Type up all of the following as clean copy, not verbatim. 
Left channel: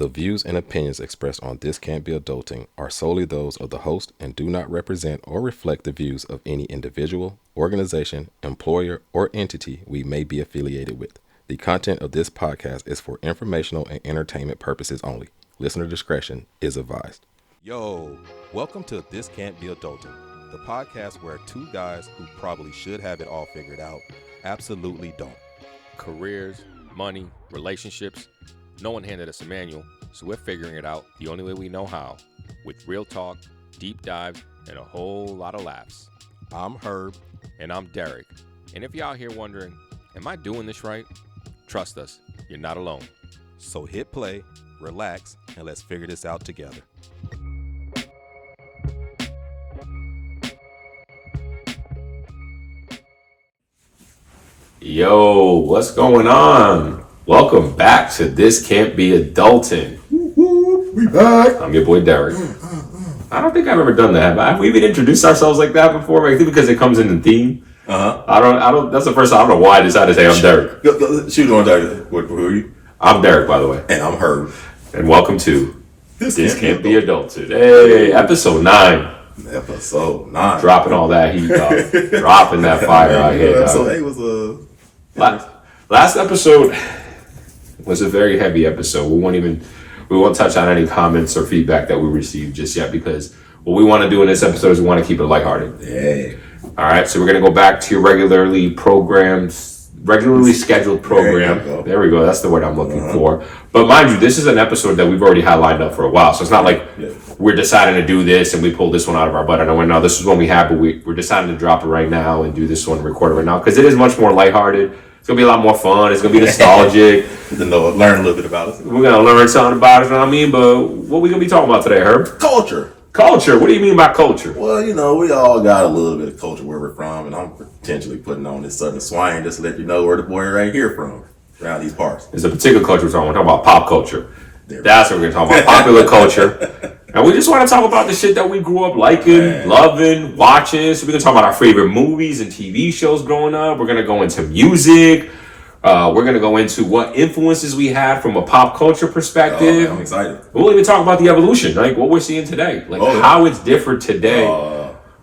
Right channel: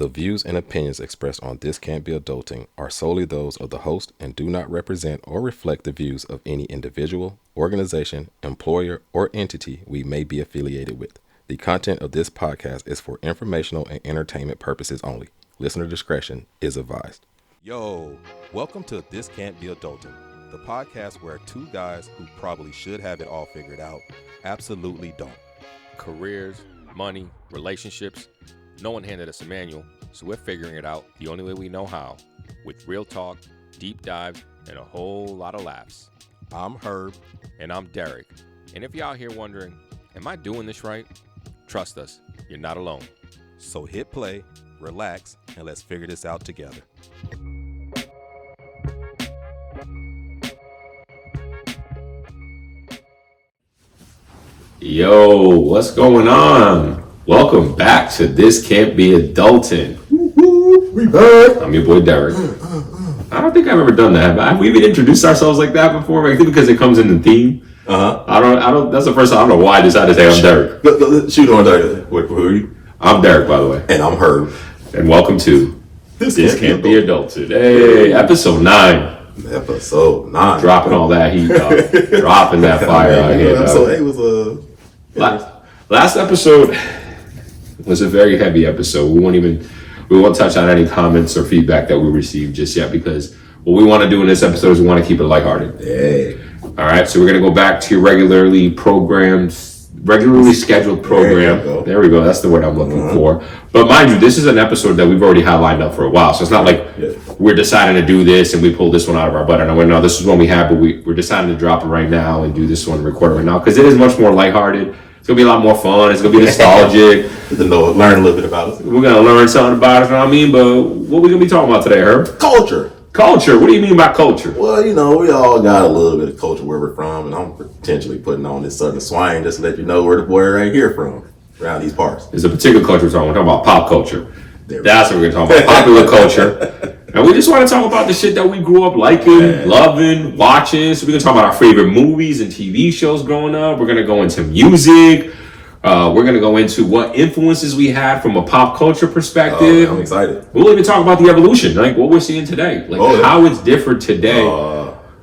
The views and opinions expressed on This Can't Be Adulting are solely those of the host and do not represent or reflect the views of any individual, organization, employer, or entity we may be affiliated with. The content of this podcast is for informational and entertainment purposes only. Listener discretion is advised. Yo, welcome to This Can't Be Adulting, the podcast where two guys who probably should have it all figured out absolutely don't. Careers, money, relationships. No one handed us a manual, so we're figuring it out the only way we know how, with real talk, deep dives, and a whole lot of laughs. I'm Herb. And I'm Derek. And if you're out here wondering, am I doing this right? Trust us, you're not alone. So hit play, relax, and let's figure this out together. Yo, what's going on? Welcome back to This Can't Be Adultin. We back. I'm your boy Derek. I don't think I've ever done that. Have we even introduced ourselves like that before? I think because it comes in the theme. I don't. That's the first time. I don't know why I decided to say I'm Derek. Shoot on Derek. Wait, who are you? I'm Derek, by the way. And I'm Herb. And welcome to This Can't Be Adultin. Hey, episode 9. Episode 9. Dropping all that heat, dropping that fire out here. Episode 8 was a... Last episode was a very heavy episode. We won't touch on any comments or feedback that we received just yet, because what we want to do in this episode is we want to keep it lighthearted. Hey. All right, so we're going to go back to your regularly scheduled program. There we go. That's the word I'm looking for. But mind you, this is an episode that we've already had lined up for a while. So it's not like we're deciding to do this and we pull this one out of our butt. I know, no, this is one we have, but we're deciding to drop it right now and do this one, record it right now, because it is much more lighthearted. It's going to be a lot more fun. It's going to be nostalgic. Learn a little bit about it. We're going to learn something about it, you know what I mean? But what are we going to be talking about today, Herb? Culture. Culture? What do you mean by culture? Well, you know, we all got a little bit of culture where we're from, and I'm potentially putting on this southern swing just to let you know where the boy right here from, around these parts. There's a particular culture we're talking about pop culture. That's what we're going to talk about, popular culture. And we just want to talk about the shit that we grew up liking, loving, watching. So we're going to talk about our favorite movies and TV shows growing up. We're going to go into music. We're going to go into what influences we had from a pop culture perspective. I'm excited. We'll even talk about the evolution, like what we're seeing today, like how it's different today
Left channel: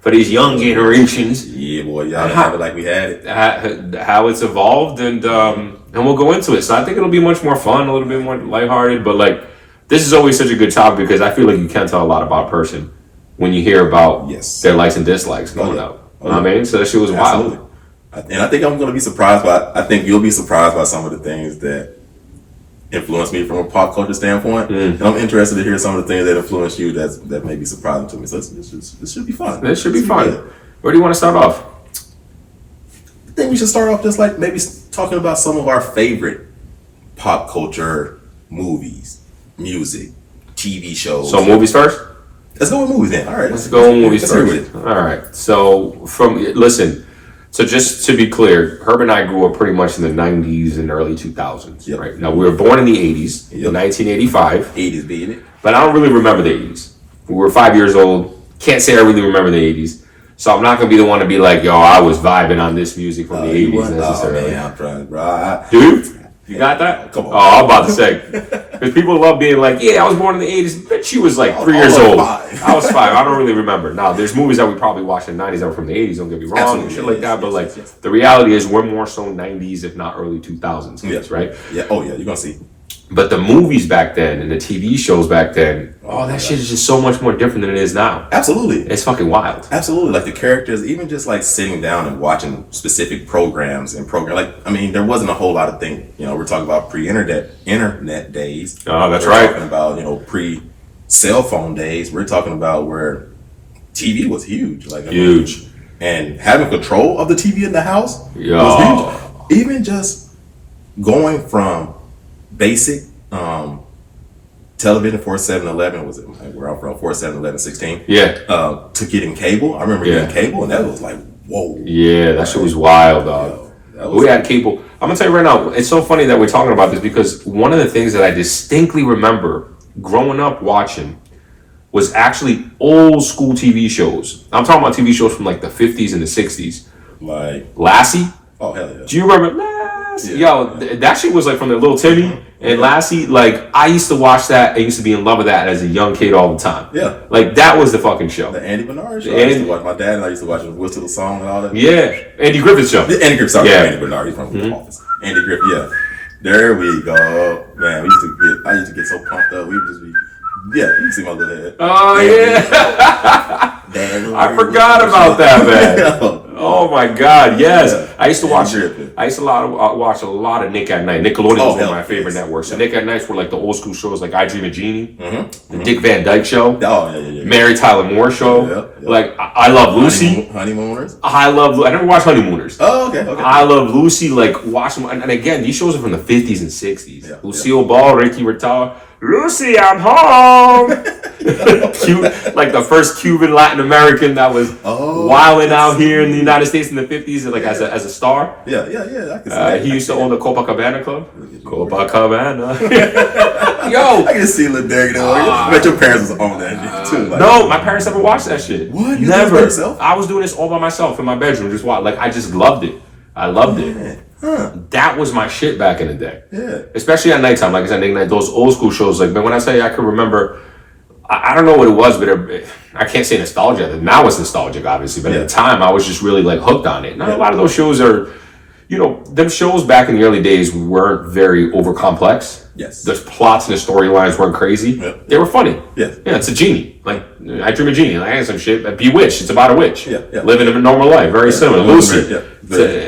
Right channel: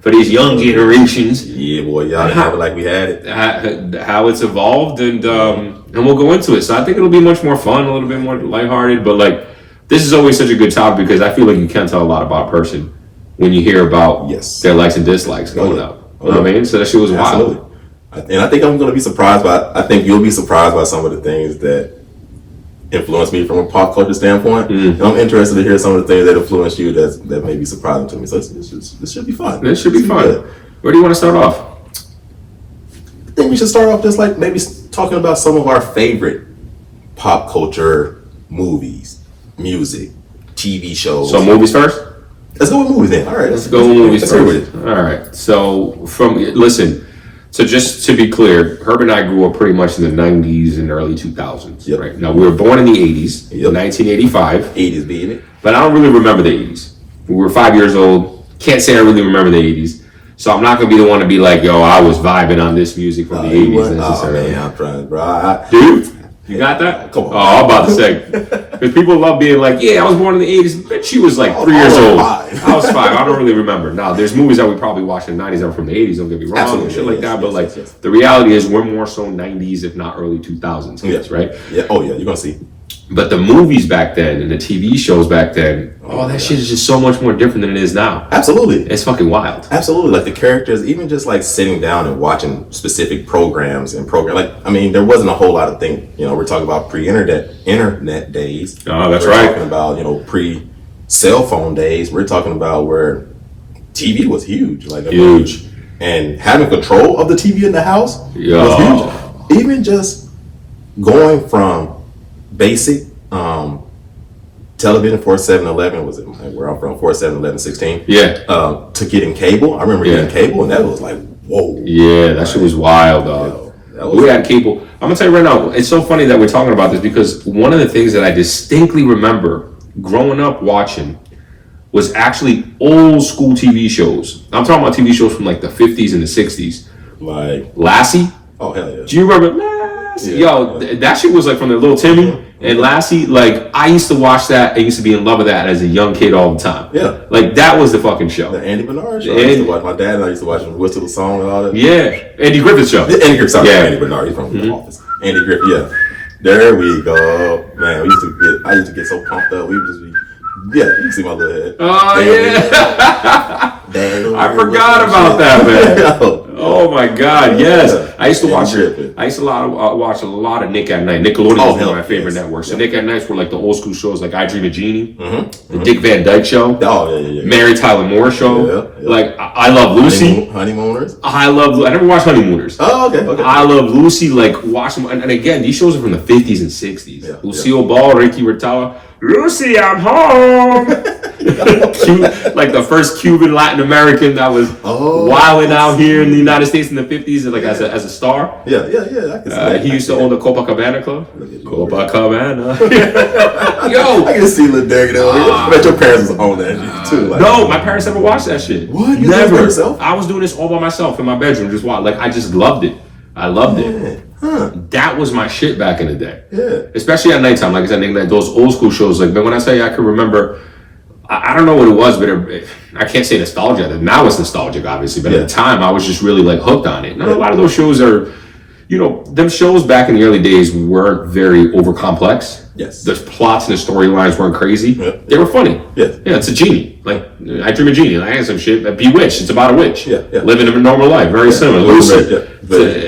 for these young generations. Yeah, boy, y'all have it like we had it. How it's evolved, and we'll go into it. So I think it'll be much more fun, a little bit more lighthearted. But like, this is always such a good topic because I feel like you can't tell a lot about a person when you hear about their likes and dislikes growing up. You know what I mean? So that shit was wild. And I think I'm going to be surprised I think you'll be surprised by some of the things that influenced me from a pop culture standpoint. And I'm interested to hear some of the things that influenced you that may be surprising to me. So this should be fun. This should be fun. Where do you want to start off? I think we should start off just like maybe talking about some of our favorite pop culture movies, music, TV shows. So movies first? Let's go with movies then. All right. Let's go with movies first. All right. So So just to be clear, Herb and I grew up pretty much in the 90s and early 2000s, right? Now, we were born in the 80s, 1985. 80s being it. But I don't really remember the 80s. We were 5 years old. Can't say I really remember the 80s. So I'm not going to be the one to be like, yo, I was vibing on this music from the 80s necessarily. I'm trying, bro. Dude, you got that? Come on. Oh, I'm about to say. Because people love being like, yeah, I was born in the 80s. But she was like 3 years old. I was 5. I don't really remember. Now, there's movies that we probably watched in the 90s that were from the 80s. Don't get me wrong. Absolutely, and shit like that. But the reality is we're more so 90s, if not early 2000s kids, right? Yeah. Oh, yeah. You're going to see. But the movies back then and the TV shows back then, that shit is just so much more different than it is now. Absolutely. It's fucking wild. Absolutely. Like the characters, even just like sitting down and watching specific programs there wasn't a whole lot of things. You know, we're talking about pre-internet days. Oh, that's we're right. We're talking about, pre-cell phone days. We're talking about where TV was huge. Huge. And having control of the TV in the house was huge. Even just going from basic television 4711 was it where I'm from 4711 16 to getting cable. I remember getting cable, and that was like whoa. Yeah, that shit was wild, dog. We had cable. I'm gonna tell you right now, it's so funny that we're talking about this because one of the things that I distinctly remember growing up watching was actually old school TV shows. I'm talking about TV shows from like the 50s and the 60s, like Lassie. Oh hell yeah! Do you remember Lassie? Yo, that shit was like from the Little Timmy. And Lassie, like, I used to watch that. I used to be in love with that as a young kid all the time. Yeah. Like, that was the fucking show. The Andy Bernard show. I used to watch. My dad and I used to watch him whistle the song and all that. Yeah. Andy Griffith show. Yeah, Andy Griffith. Sorry, Yeah. Andy Bernard. He's from The Office. Andy Griffith. Yeah. There we go. Man, I used to get so pumped up. We would just be. Yeah, you can see my little head. Oh, yeah. I forgot about that, man. Oh my God, yes. Yeah. I used to watch Griffith. watch a lot of Nick at Night. Nickelodeon was one of my favorite yes. networks. So Nick at Nights were like the old school shows like I Dream of Jeannie, the Dick Van Dyke Show, Mary Tyler Moore Show. Yeah. Like I Love Lucy. Honeymooners. I never watched Honeymooners. Oh, okay. I Love Lucy. Like watch them, and again, these shows are from the 50s and 60s. Yeah, Lucille Ball, Ricky Rotella. Lucy, I'm home. Like the first Cuban Latin American that was wilding out here in the United States in the 50s, like as a star. Yeah. I can see that. He used to own the Copacabana Club. Copacabana. Yo, I can see Lil Derek though. I bet your parents was on that shit too. Like, no, my parents never watched that shit. What? You Never. did it by yourself? I was doing this all by myself in my bedroom, just watch. Like I just loved it. I loved it. Huh. That was my shit back in the day. Yeah. Especially at nighttime. Like I said, those old school shows. Like, man, when I say I can remember, I don't know what it was, but I can't say nostalgia. Now it's nostalgic, obviously. But at the time, I was just really like hooked on it. Now, a lot of those shows are, them shows back in the early days weren't very over complex. Yes. The plots and the storylines weren't crazy. Yep. They were funny. Yeah. Yeah, it's a genie. Like, I Dream of Jeannie. Like, I had some shit. Bewitched. It's about a witch. Yeah. Living a normal life. Very similar. Lucy. Yeah.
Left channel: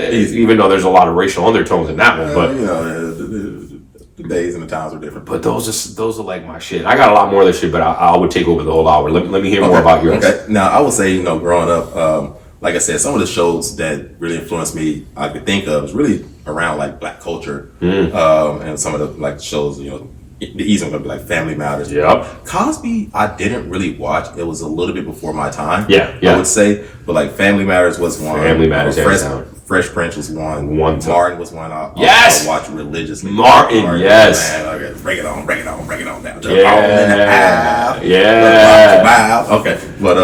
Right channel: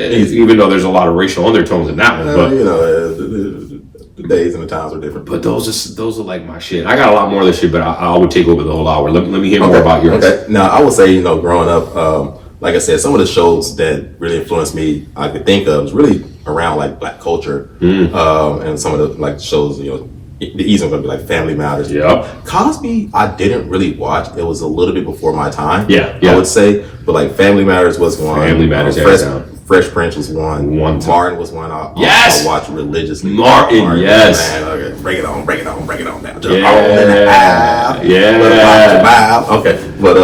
Even though there's a lot of racial undertones in that one. But the days and the times are different. But those are like my shit. I got a lot more of this shit, but I would take over the whole hour. Let me hear more about yours. Okay. Now, I would say, growing up, like I said, some of the shows that really influenced me, I could think of, is really around like black culture, and some of the like shows, the easy one would be like Family Matters. Yep. Cosby, I didn't really watch. It was a little bit before my time. Yeah. I would say, but like Family Matters was one. Family Matters, Fresh Prince was one. Martin was one. I watched religiously. Martin, yes. Man, okay, break it on down. Yeah. Okay, but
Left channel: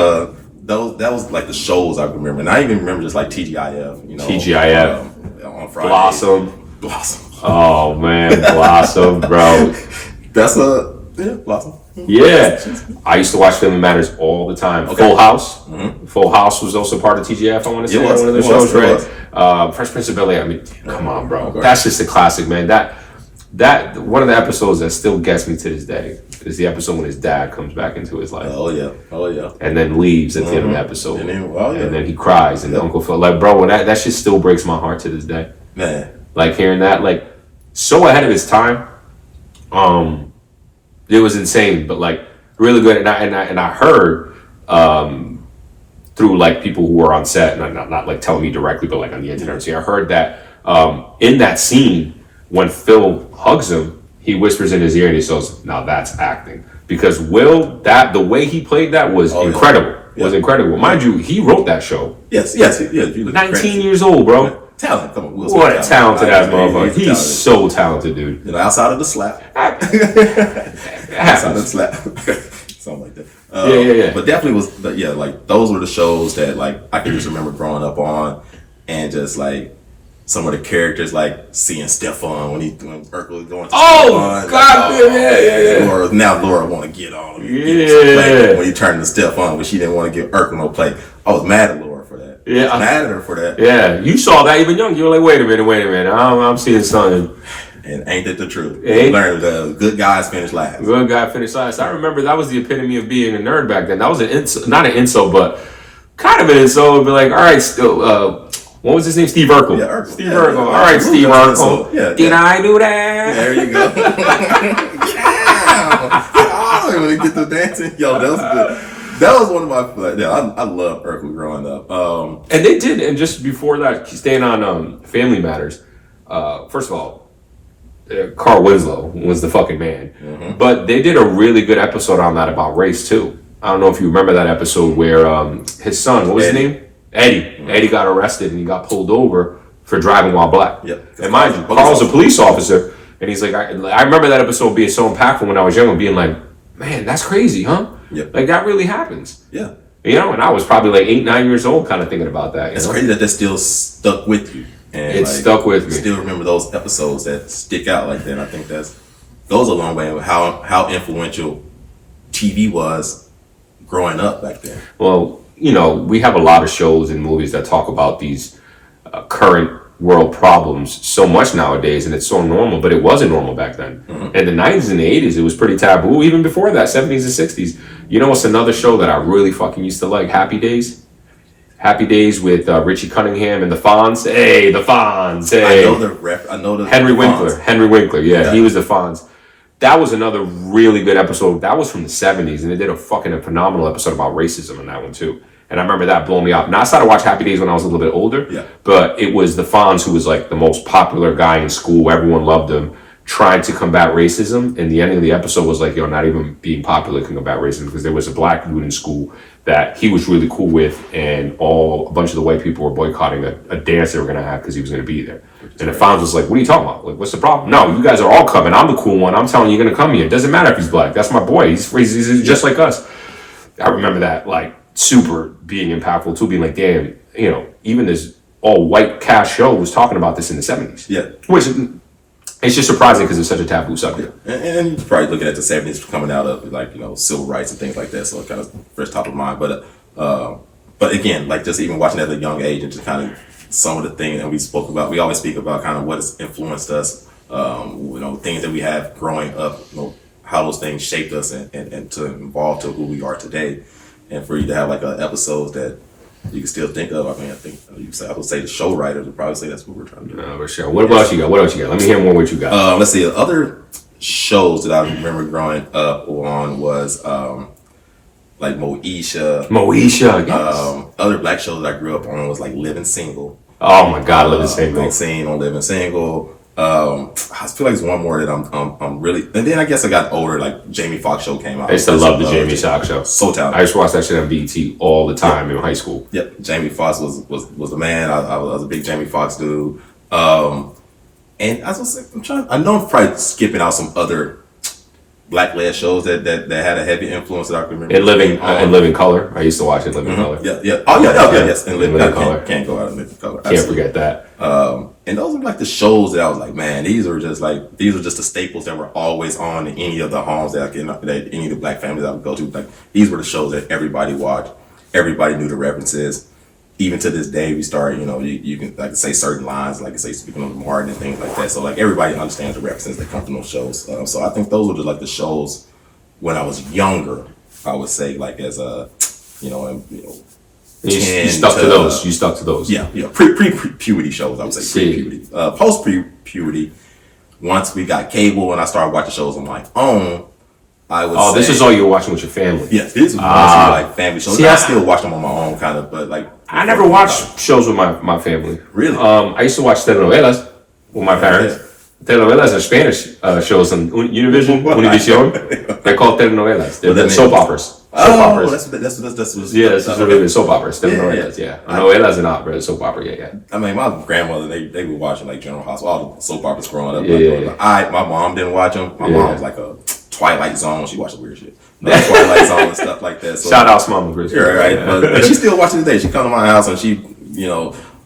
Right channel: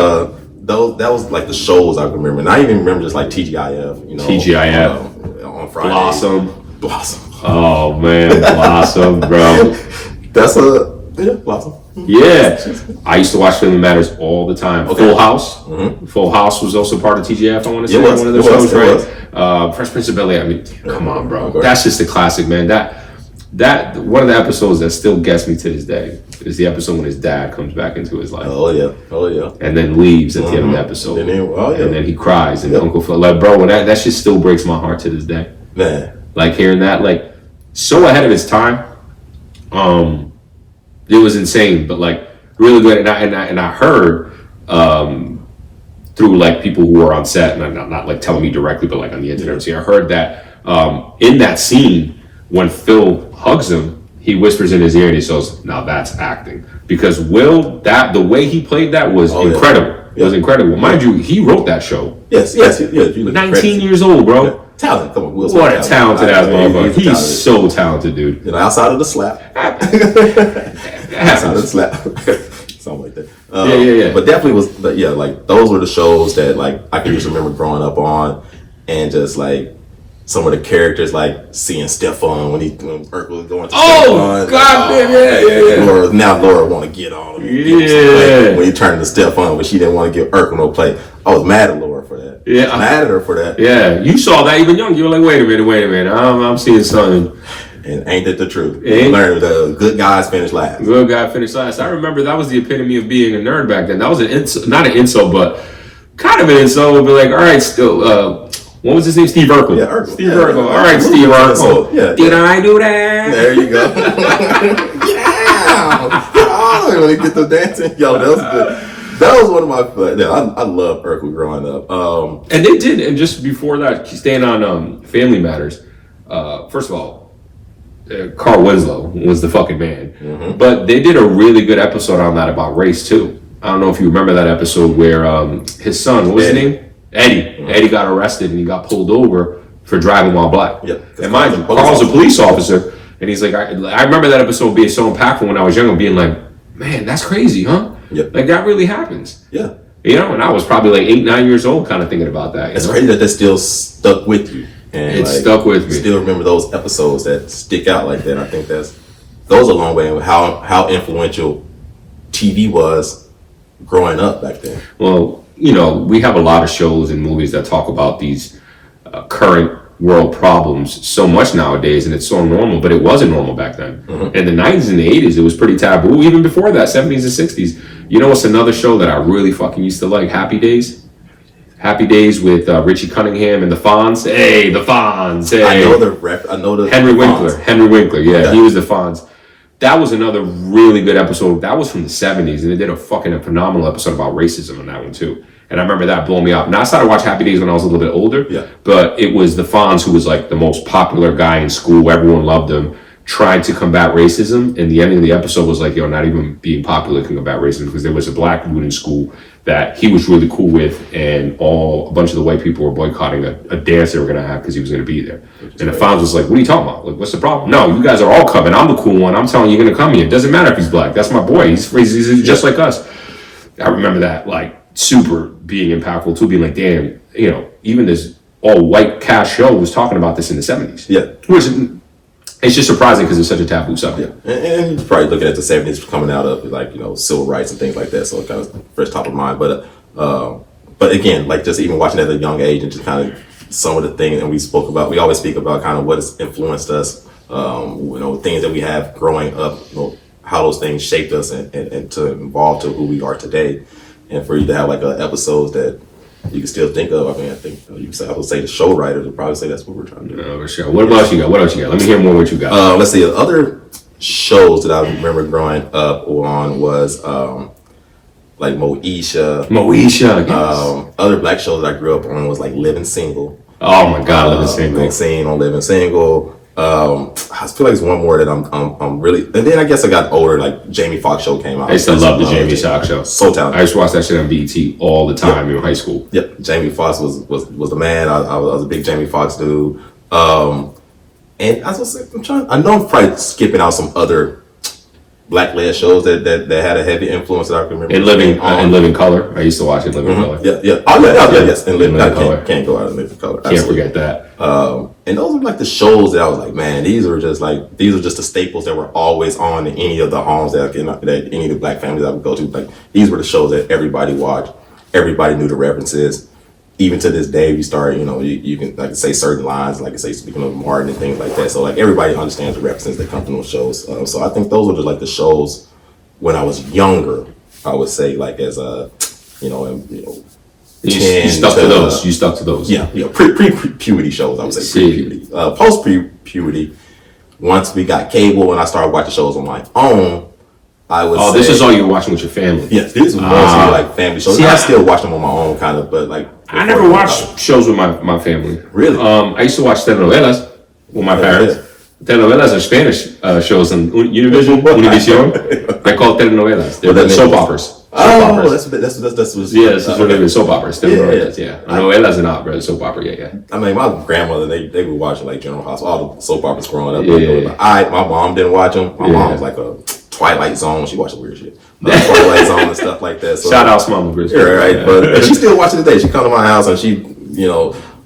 that was like the shows I remember, and I even remember just like TGIF. TGIF on Friday. Blossom. Oh man, Blossom, bro. That's Blossom. Yeah, I used to watch Family Matters all the time. Okay. Full House. Full House was also part of TGF. I want to say one of the shows, right? Fresh Prince of Bel-Air. I mean, come on, bro. Okay. That's just a classic, man. That one of the episodes that still gets me to this day is the episode when his dad comes back into his life. Oh yeah. And then leaves at the end of the episode. And then he cries, and Uncle Phil, like, bro, that shit still breaks my heart to this day. Man, like hearing that, like, so ahead of its time. It was insane, but like really good. And I heard through like people who were on set, and not like telling me directly, but like on the internet. I heard that in that scene when Phil hugs him, he whispers in his ear and he says, "Now that's acting." Because the way he played that was incredible. Yeah. It was incredible. Mind you, he wrote that show. Yes. 19 years old, bro. Yeah. Talent. Come on, what a talented ass motherfucker. He's so talented, dude. Outside of the slap. Outside of the slap. Something like that. Yeah. But definitely was, like those were the shows that like I can just remember growing up on, and just like some of the characters, like seeing Stefan when Urkel was going to Stefan. God damn, yeah. Laura want to get on. Yeah. When he turned to Stefan, but she didn't want to give Urkel no play. I was mad at Laura for that. Yeah. Mad at her for that. Yeah. You saw that even young. You were like, wait a minute. I'm seeing something. And ain't that the truth? You learned the good guys finish last. Good guy finished last. I remember that was the epitome of being a nerd back then. That was not an insult, but kind of an insult. It'd be like, all right, still, what was his name? Steve Urkel. Yeah, Urkel. Steve Urkel. All right, Steve Urkel. Yeah, Did I do that? There you go. Get out! When he get the dancing, that was good. That was one of my. I love Urkel growing up. And they did, and just before that, staying on Family Matters. First of all, Carl Winslow was the fucking man. But they did a really good episode on that about race too. I don't know if you remember that episode where his son, what was his name? Eddie. Eddie got arrested and he got pulled over for driving while black. Yep. And mind you, Carl's a police officer, and he's like, I remember that episode being so impactful when I was young, being like, man, that's crazy, huh? Yep. Like that really happens. Yeah. And I was probably like 8, 9 years old, kind of thinking about that. It's crazy that still stuck with you. And it stuck with me. Still remember those episodes that stick out like that. I think that's goes a long way in how influential TV was growing up back then. Well, we have a lot of shows and movies that talk about these current world problems so much nowadays, and it's so normal, but it wasn't normal back then. In the 90s and the 80s, it was pretty taboo. Even before that, 70s and 60s. You know what's another show that I really fucking used to like? Happy Days. Happy Days with Richie Cunningham and the Fonz. Hey, the Fonz. Hey. I know the Henry Winkler. Fonz. Henry Winkler. Yeah, he was the Fonz. That was another really good episode. That was from the 70s, and they did a phenomenal episode about racism in that one too. And I remember that blowing me up. Now, I started to watch Happy Days when I was a little bit older, but it was the Fonz who was like the most popular guy in school. Everyone loved him, trying to combat racism. And the ending of the episode was like, not even being popular can combat racism, because there was a black dude in school that he was really cool with, and a bunch of the white people were boycotting a dance they were going to have because he was going to be there. And the Fonz was like, what are you talking about? Like, what's the problem? No, you guys are all coming. I'm the cool one. I'm telling you, you're going to come here. It doesn't matter if he's black. That's my boy. He's just like us. I remember that, like, super being impactful too, being like, damn, even this all white cast show was talking about this in the 70s. Yeah. Which it's just surprising because it's such a taboo subject. And you're probably looking at the 70s coming out of like, civil rights and things like that. So it kind of first top of mind. But again, like just even watching at a young age and just kind of some of the things that we always speak about kind of what has influenced us, things that we have growing up, how those things shaped us and to evolve to who we are today. And for you to have like episodes that you can still think of, I mean, I think I would say the show writers would probably say that's what we're trying to do. For sure. What else you got? Let me hear more what you got. Let's see. Other shows that I remember growing up on was like Moesha. Yes. Other black shows that I grew up on was like Living Single. Oh my God, Living Single. Maxine on Living Single. I feel like it's one more that I'm really, and then I guess I got older, like Jamie Foxx show came out. I used to love the Jamie Foxx show. So talented. I used to watch that shit on BET all the time in high school. Yeah, Jamie Foxx was the man. I was a big Jamie Foxx dude. And I was like, I know I'm probably skipping out some other black-led shows that had a heavy influence that I can remember. In Living Color. I used to watch it, Living Color. Yeah. Oh, yeah, yes. And Living Color. Can't go out of Living Color. Can't forget that. And those are like the shows that I was like, man, these are just the staples that were always on in any of the homes that any of the black families I would go to. Like, these were the shows that everybody watched. Everybody knew the references. Even to this day, we start, you can like say certain lines, like say speaking of Martin and things like that. So like everybody understands the references that come from those shows. So I think those were just like the shows when I was younger. I would say like as a, you stuck to those. You stuck to those. Yeah. Pre-puberty shows. I would say pre-puberty. Post pre-puberty. Once we got cable and I started watching shows on my own, I would say, this is all you were watching with your family. Yes, these were mostly like family shows. I still watch them on my own, kind of, but like I never watched shows with my family. Really? I used to watch telenovelas with my parents. Yeah. Telenovelas are Spanish shows on Univision. They're called telenovelas. They're soap operas. That's what it is. Soap operas. Telenovelas. Yeah. Novelas and opera. Soap opera. Yeah. I mean, my grandmother, they would watch like General Hospital, all the soap operas growing up. My mom didn't watch them. My mom was like a Twilight Zone. She watched weird shit. Twilight Zone and stuff like that. So, shout out to Mama Chris. Yeah, right. But she still watching today. She come to my house and she,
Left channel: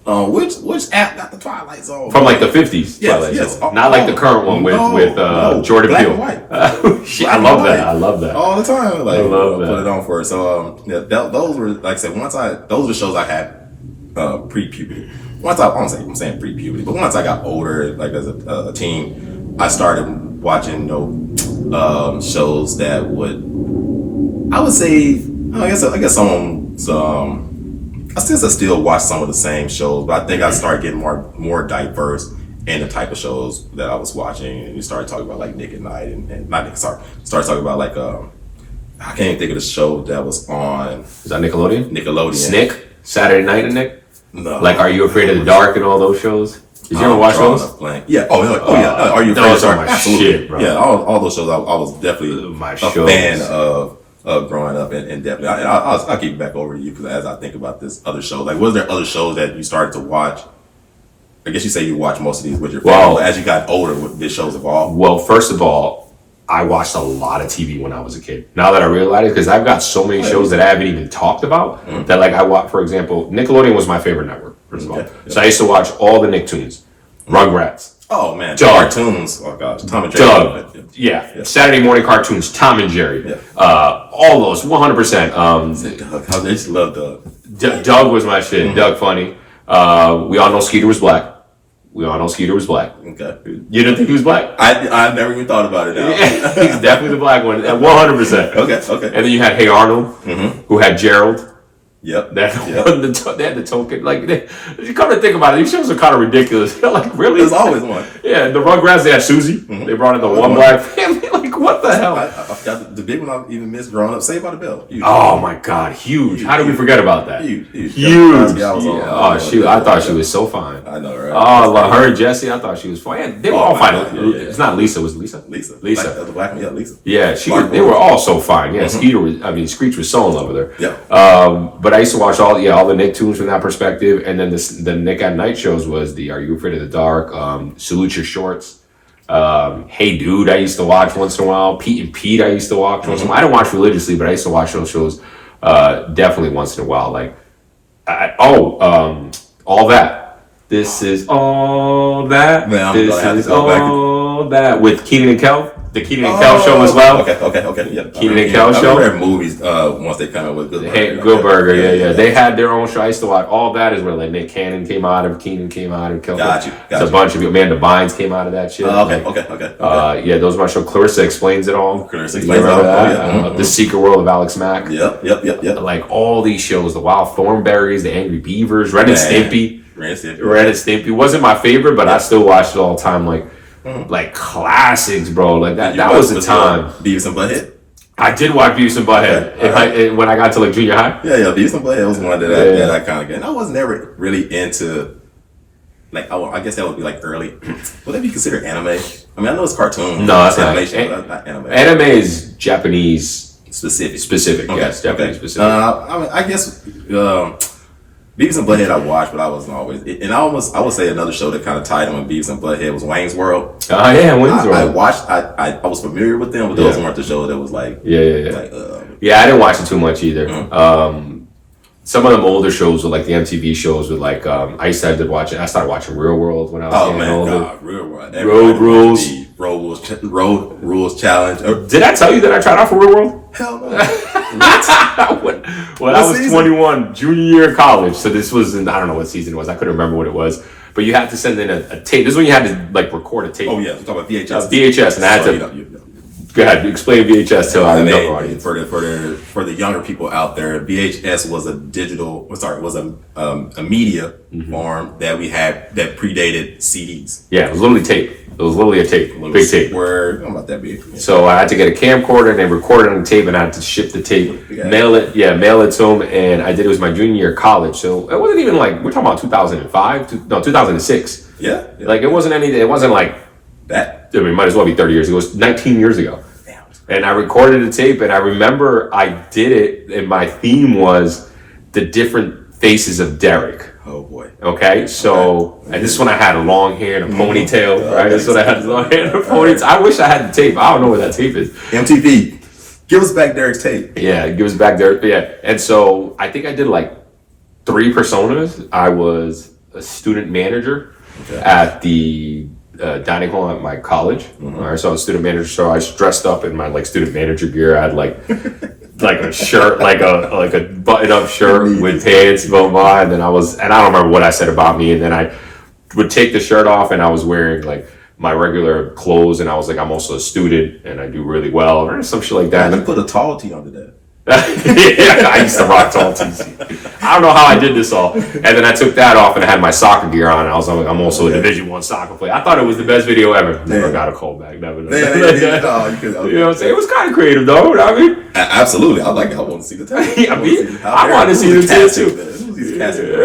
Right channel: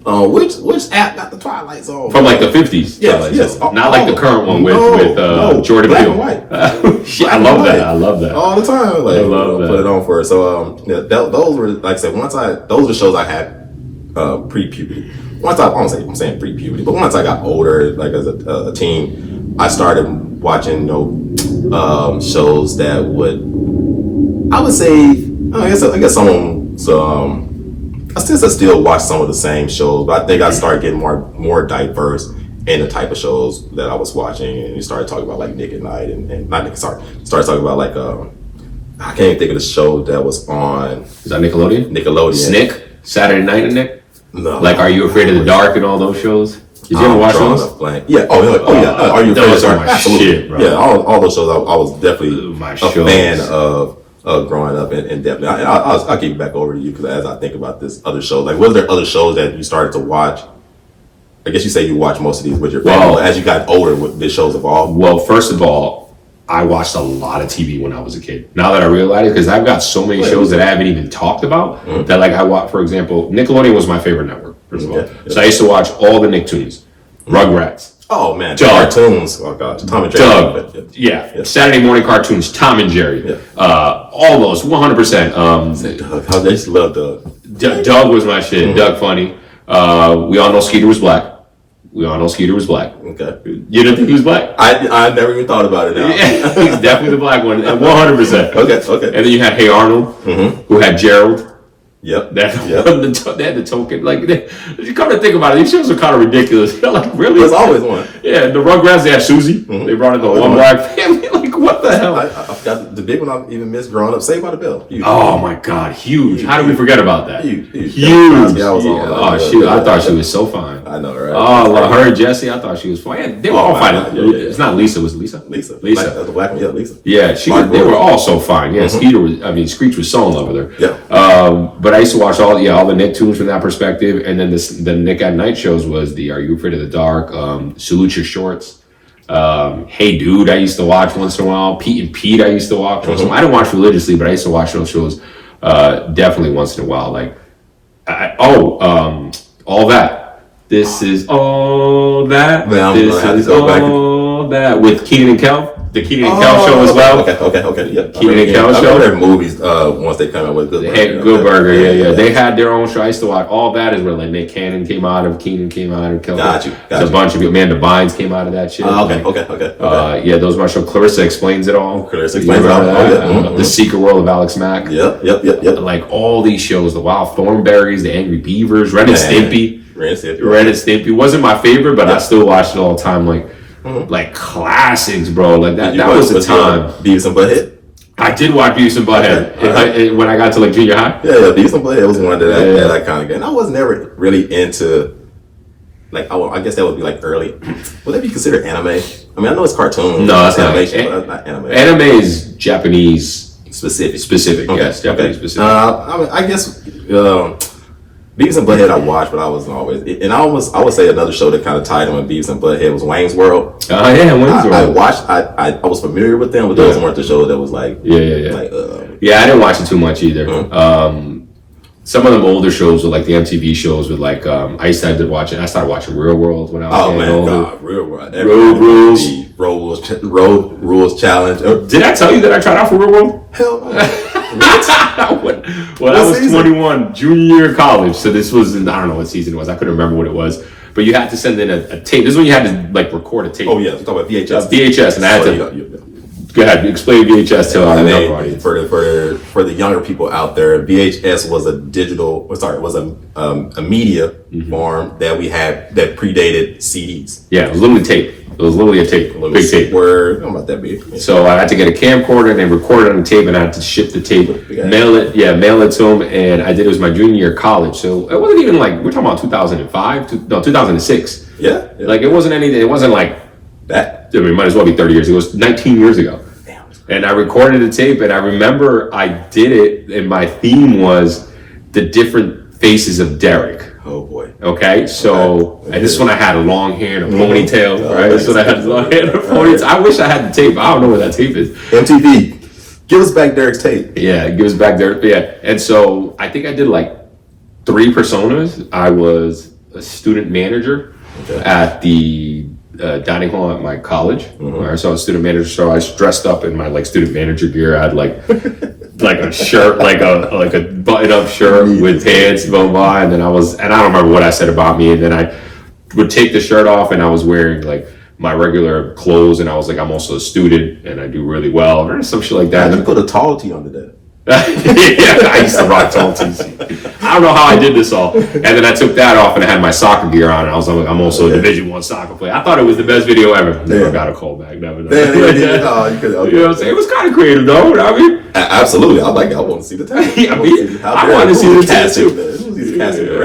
which app got the Twilight Zone? From like the 50s. Yes. Not like the current one with Jordan Peele. I love that. I love that. All the time. Like, I love that. Put it on for her. So those were, like I said, those are the shows I had pre-puberty. I'm saying pre-puberty, but once I got older, like as a teen, I started watching shows that would, I would say, I guess someone's I still watch some of the same shows, but I think I started getting more diverse in the type of shows that I was watching, and you started talking about like Nick at Night and not Nick, sorry, started talking about like I can't even think of the show that was on. Is that Nickelodeon? Snick? Saturday Night and Nick? No. Like Are You Afraid of the Dark and all those shows? Did you ever watch those? Yeah. Yeah. Are You Afraid of the Dark? Absolutely. Shit, bro. Yeah. All those shows I was definitely a fan of growing up, and definitely I'll get back over to you because as I think about this other shows, like was there other shows that you started to watch? I guess you say you watch most of these with your family. Well, as you got older, the shows evolved. Well, first of all, I watched a lot of TV when I was a kid. Now that I realize it, because I've got so many shows that I haven't even talked about that, like I watch, for example, Nickelodeon was my favorite network. First of all, so I used to watch all the Nicktoons, Rugrats, Oh man, Doug. cartoons. Oh god, Tom and Jerry. Doug. Yeah. Saturday morning cartoons, Tom and Jerry. Yeah. All those, 100%. Doug, I just love Doug. Doug was my shit. Doug funny. We all know Skeeter was black. Okay. You didn't think he was black? I never even thought about it. Now. He's definitely the black one, 100%. Okay. And then you had Hey Arnold, who had Gerald. Yep. They had the token. Like, you come to think about it, these shows are kind of ridiculous. Like, really? There's always one. Yeah, the Rugrats, they had Susie. They brought in the one black family. Like, what the hell? I got the big one I even missed growing up. Saved by the Bell. Huge. Oh my God, huge! How did we forget about that? Huge. Oh shoot, I thought she was so fine. I know, right? Oh, her and Jessie, I thought she was fine. Yeah, they were all fine. It's not Lisa. Was it Lisa? Lisa. Lisa. The black one. Yeah, Lisa. Yeah, they were all so fine. Yeah, Screech was so in love with her. Yeah. But I used to watch all the Nicktoons from that perspective, and then the Nick at Night shows was the Are You Afraid of the Dark? Salute Your Shorts. Hey Dude, I used to watch once in a while. Pete and Pete, I used to watch once in a while. I didn't watch religiously, but I used to watch those shows definitely once in a while. Like, All That. This is All That. This is All That with Keenan and Kel. The Keenan and Kel show as well. Okay. Yeah. Keenan and Kel show. I remember their movies once they come out with Good Burger. Good Burger, yeah. They had their own show. I used to watch. All That is where like Nick Cannon came out of, Keenan came out of, Kel. Got you. There's a bunch of Amanda Bynes came out of that shit. Okay. Yeah, those were my show. Clarissa Explains It All. Clarissa Explains It All. That? The Secret World of Alex Mack. Yep. Like all these shows, the Wild Thornberries, the Angry Beavers, Ren and Stimpy. Ren and Stimpy wasn't my favorite, but I still watched it all the time. Like classics, bro. Like that was the time. Beavis and Butthead. I did watch Beavis and Butthead when I got to like junior high. Yeah. Beavis and Butthead was one that I kind of get. And I was never really into. Like, I guess that would be like early. Would that be considered anime? I mean, I know it's cartoon. No, that's animation, but that's not anime. Anime is Japanese specific. Yes, Japanese specific. I mean, I guess Beavis and Butthead I watched, but I wasn't always. And I would say another show that kind of tied in with Beavis and Butthead was Wayne's World. Oh yeah, Wayne's World. I watched. I was familiar with them, but those weren't the shows that was like. Yeah. Like, I didn't watch it too much either. Some of them older shows with like the MTV shows with like I started watching Real World when I was getting older. God, Real World. Road Rules Challenge. Did I tell you that I tried out for Real World? Hell no. I was 21, junior year of college. So this was I don't know what season it was. I couldn't remember what it was. But you had to send in a tape. This is when you had to like record a tape. Oh yeah, you're talking about VHS. VHS, and I had to. Go ahead, explain VHS to our younger audience. For the younger people out there, VHS was a media form that we had that predated CDs. Yeah, it was literally tape. It was literally a tape, big tape. Word, not that big. Yeah. So I had to get a camcorder and then record it on the tape, and I had to ship the tape, mail it to them, and I did. It was my junior year of college, so it wasn't even like we're talking about 2006. Yeah. Like it wasn't anything. It wasn't like that. I mean, it might as well be 30 years ago. It was 19 years ago. Damn. And I recorded the tape, and I remember I did it, and my theme was the different faces of Derek. Oh boy. Okay, so and this is when I had a long hair and a ponytail, right? This is when I had long hair and a ponytail. I wish I had the tape. I don't know where that tape is. MTV, give us back Derek's tape. Yeah, give us back Derek. Yeah, and so I think I did like 3 personas. I was a student manager at the dining hall at my college. Right, so I was a student manager. So I was dressed up in my like student manager gear. I had like a shirt, like a button-up shirt with pants, and then I don't remember what I said about me. And then I would take the shirt off, and I was wearing like my regular clothes, and I was like, I'm also a student, and I do really well, or some shit like that. And you put a tall tee under that. Yeah, I used to rock tall tees. I don't know how I did this all. And then I took that off and I had my soccer gear on, and I was like, I'm also a Division I soccer player. I thought it was the best video ever. Never got a call back. Never. You know what I'm saying? It was kind of creative, though. You know what I mean? Absolutely. I want to see the tape. I want to see the tape too.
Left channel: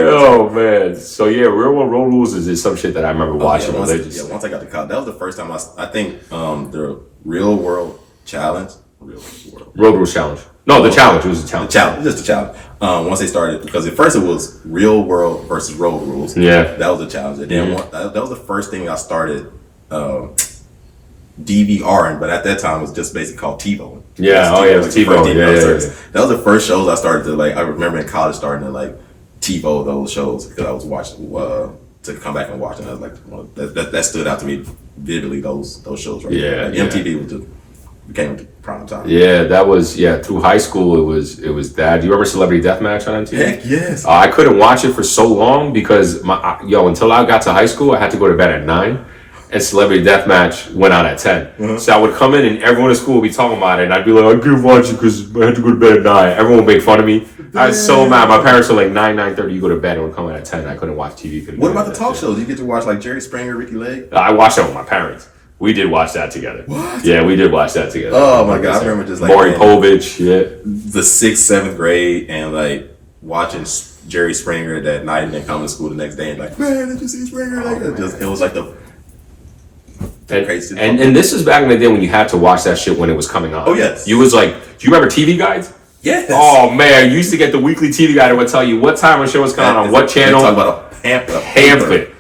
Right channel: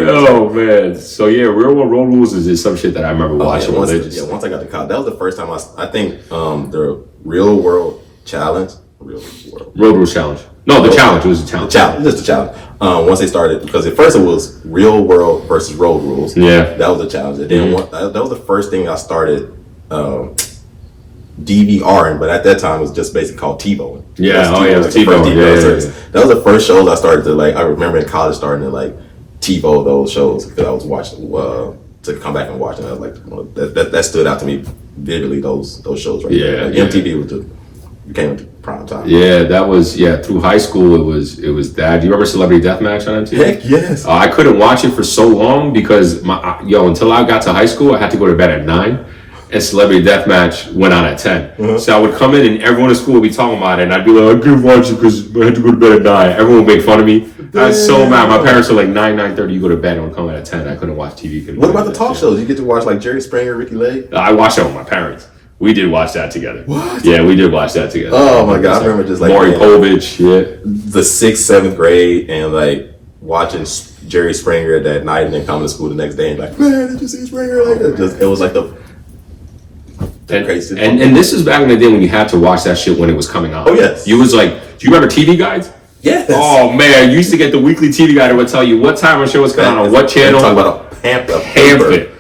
Oh man. So yeah, Real World Road Rules is some shit that I remember watching. Once I got to college, that was the first time I think the Real World Challenge. Road Rules Challenge. No, the challenge. It was a challenge. Just a challenge. Once they started, because at first it was Real World versus Road Rules. Yeah. That was a challenge. And then that was the first thing I started DVRing, but at that time it was just basically called TiVo. Yeah, it was TiVo. Yeah. That was the first shows I started to like. I remember in college starting to like TiVo those shows because I was watching to come back and watch. And I was like, that stood out to me vividly. Those shows right there. Like, yeah. MTV was became prime time. Yeah, that was through high school it was that. Do you remember Celebrity Deathmatch on MTV? Heck yes. I couldn't watch it for so long because until I got to high school I had to go to bed at 9. And Celebrity Deathmatch went on at 10. So I would come in and everyone in school would be talking about it, and I'd be like, I couldn't watch it because I had to go to bed at 9. Everyone would make fun of me. I was so mad. My parents were like 9:30, you go to bed, and would come in at 10. I couldn't watch TV. What about the talk shows? You get to watch like Jerry Springer, Ricky Lake? I watched that with my parents. We did watch that together. What? Yeah, we did watch that together. Oh my God, I remember just like Maury Povich, the 6th, 7th grade, and like watching Jerry Springer that night, and then coming to school the next day and like, man, did you see Springer? It was like the crazy. And this is back in the day when you had to watch that shit when it was coming on. Oh yes. You was like, do you remember TV guides? Yes. Oh man, you used to get the weekly TV guide that would tell you what time a show was coming on what channel. Talk about a pamphlet.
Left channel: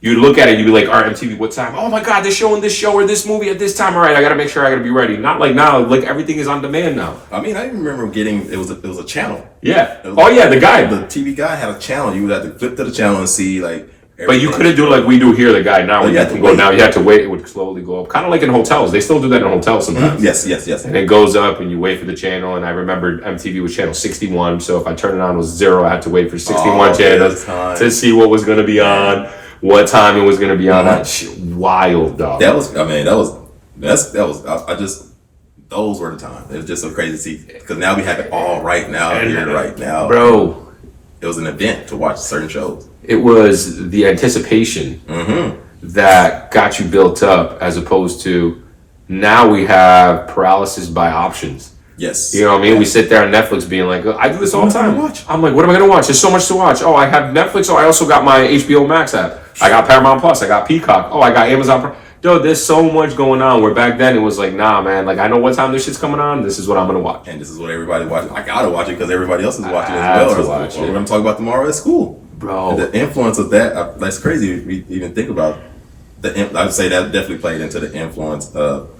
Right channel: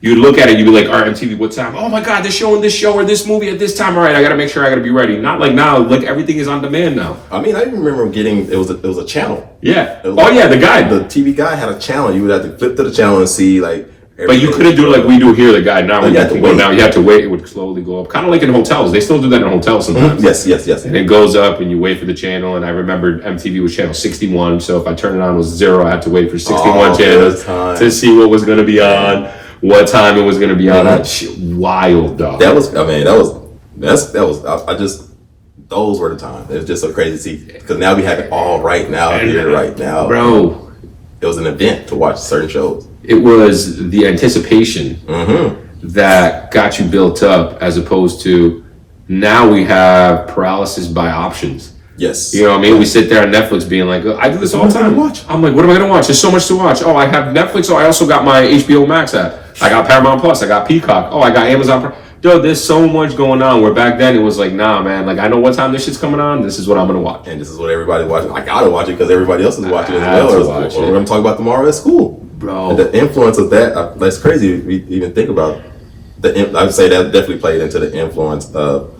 You'd look at it, you'd be like, all right, MTV, what time? Oh my God, they're showing this show or this movie at this time. All right, I gotta make sure I gotta be ready. Not like now, like everything is on demand now. I mean, I even remember getting it was a channel. Yeah. The guide. The TV guide had a channel. You would have to flip to the channel and see like. But you couldn't do it like we do here, the guide now. You had to wait. Now you have to wait. It would slowly go up, kind of like in hotels. They still do that in hotels sometimes. Yes. And it goes up, and you wait for the channel. And I remember MTV was channel 61, so if I turned it on, it was 0. I had to wait for 61 channels to see what was going to be on, what time it was going to be on. That shit, wild, dog. Those were the times. It was just so crazy to see because now we have it all right now, right now, bro. It was an event to watch certain shows. It was the anticipation that got you built up, as opposed to now we have paralysis by options. Yes. You know what I mean? We sit there on Netflix being like, I do this all the time. I'm like, what am I going to watch? There's so much to watch. Oh, I have Netflix. Oh, I also got my HBO Max app. I got Paramount Plus. I got Peacock. Oh, I got Amazon Prime. Dude, there's so much going on. Where back then it was like, nah, man. Like, I know what time this shit's coming on. This is what I'm going to watch. And this is what everybody's watching. I got to watch it because everybody else is watching it I as have to well. watch Or it. we're going to talk about tomorrow at school. Bro. And the influence of that, that's crazy. We even think about I would say that definitely played into the influence of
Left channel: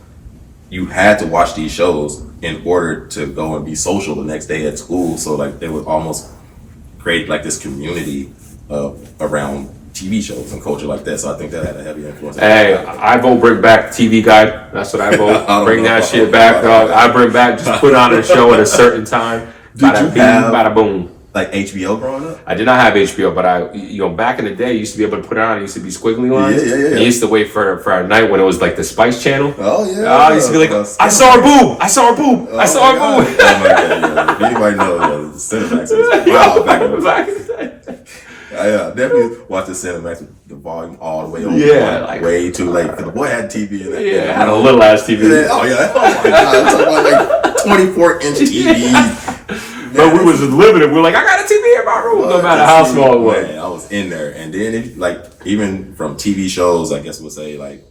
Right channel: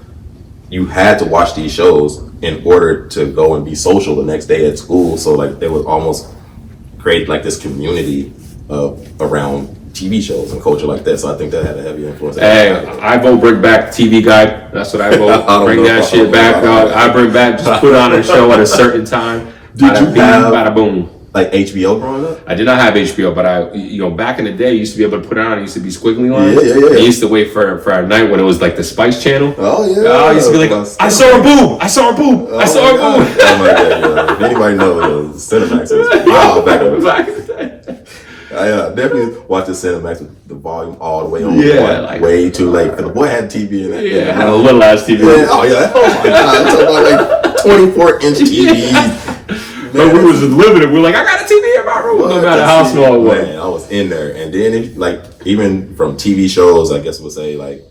you had to watch these shows in order to go and be social the next day at school. So like they would almost create like this community around TV shows and culture like that. So I think that had a heavy influence. Hey, I vote bring back TV guide. That's what I vote. Bring that shit back, dog. I bring back, just put on a show at a certain time. Did you have bada boom. Like HBO growing up? I did not have HBO, but back in the day, you used to be able to put it on. It used to be squiggly lines. Yeah. I used to wait for a night when it was like the Spice Channel. Oh yeah. I used to be like, I saw her boob. I saw her boob. I saw her boob. Oh my God! Yeah. If anybody knows, Cinemax was wild back in the day. I definitely watched the Cinemax with the volume all the way on. Yeah, like, way too late. Because the boy had TV in it. Yeah, had a little ass TV. Yeah. Oh yeah. Oh my God! I'm talking about like 24-inch TVs. But we was living it. We're like, I got a TV in my room, no matter how small it was. Man, I was in there, and then like even from TV shows, I guess we'll say like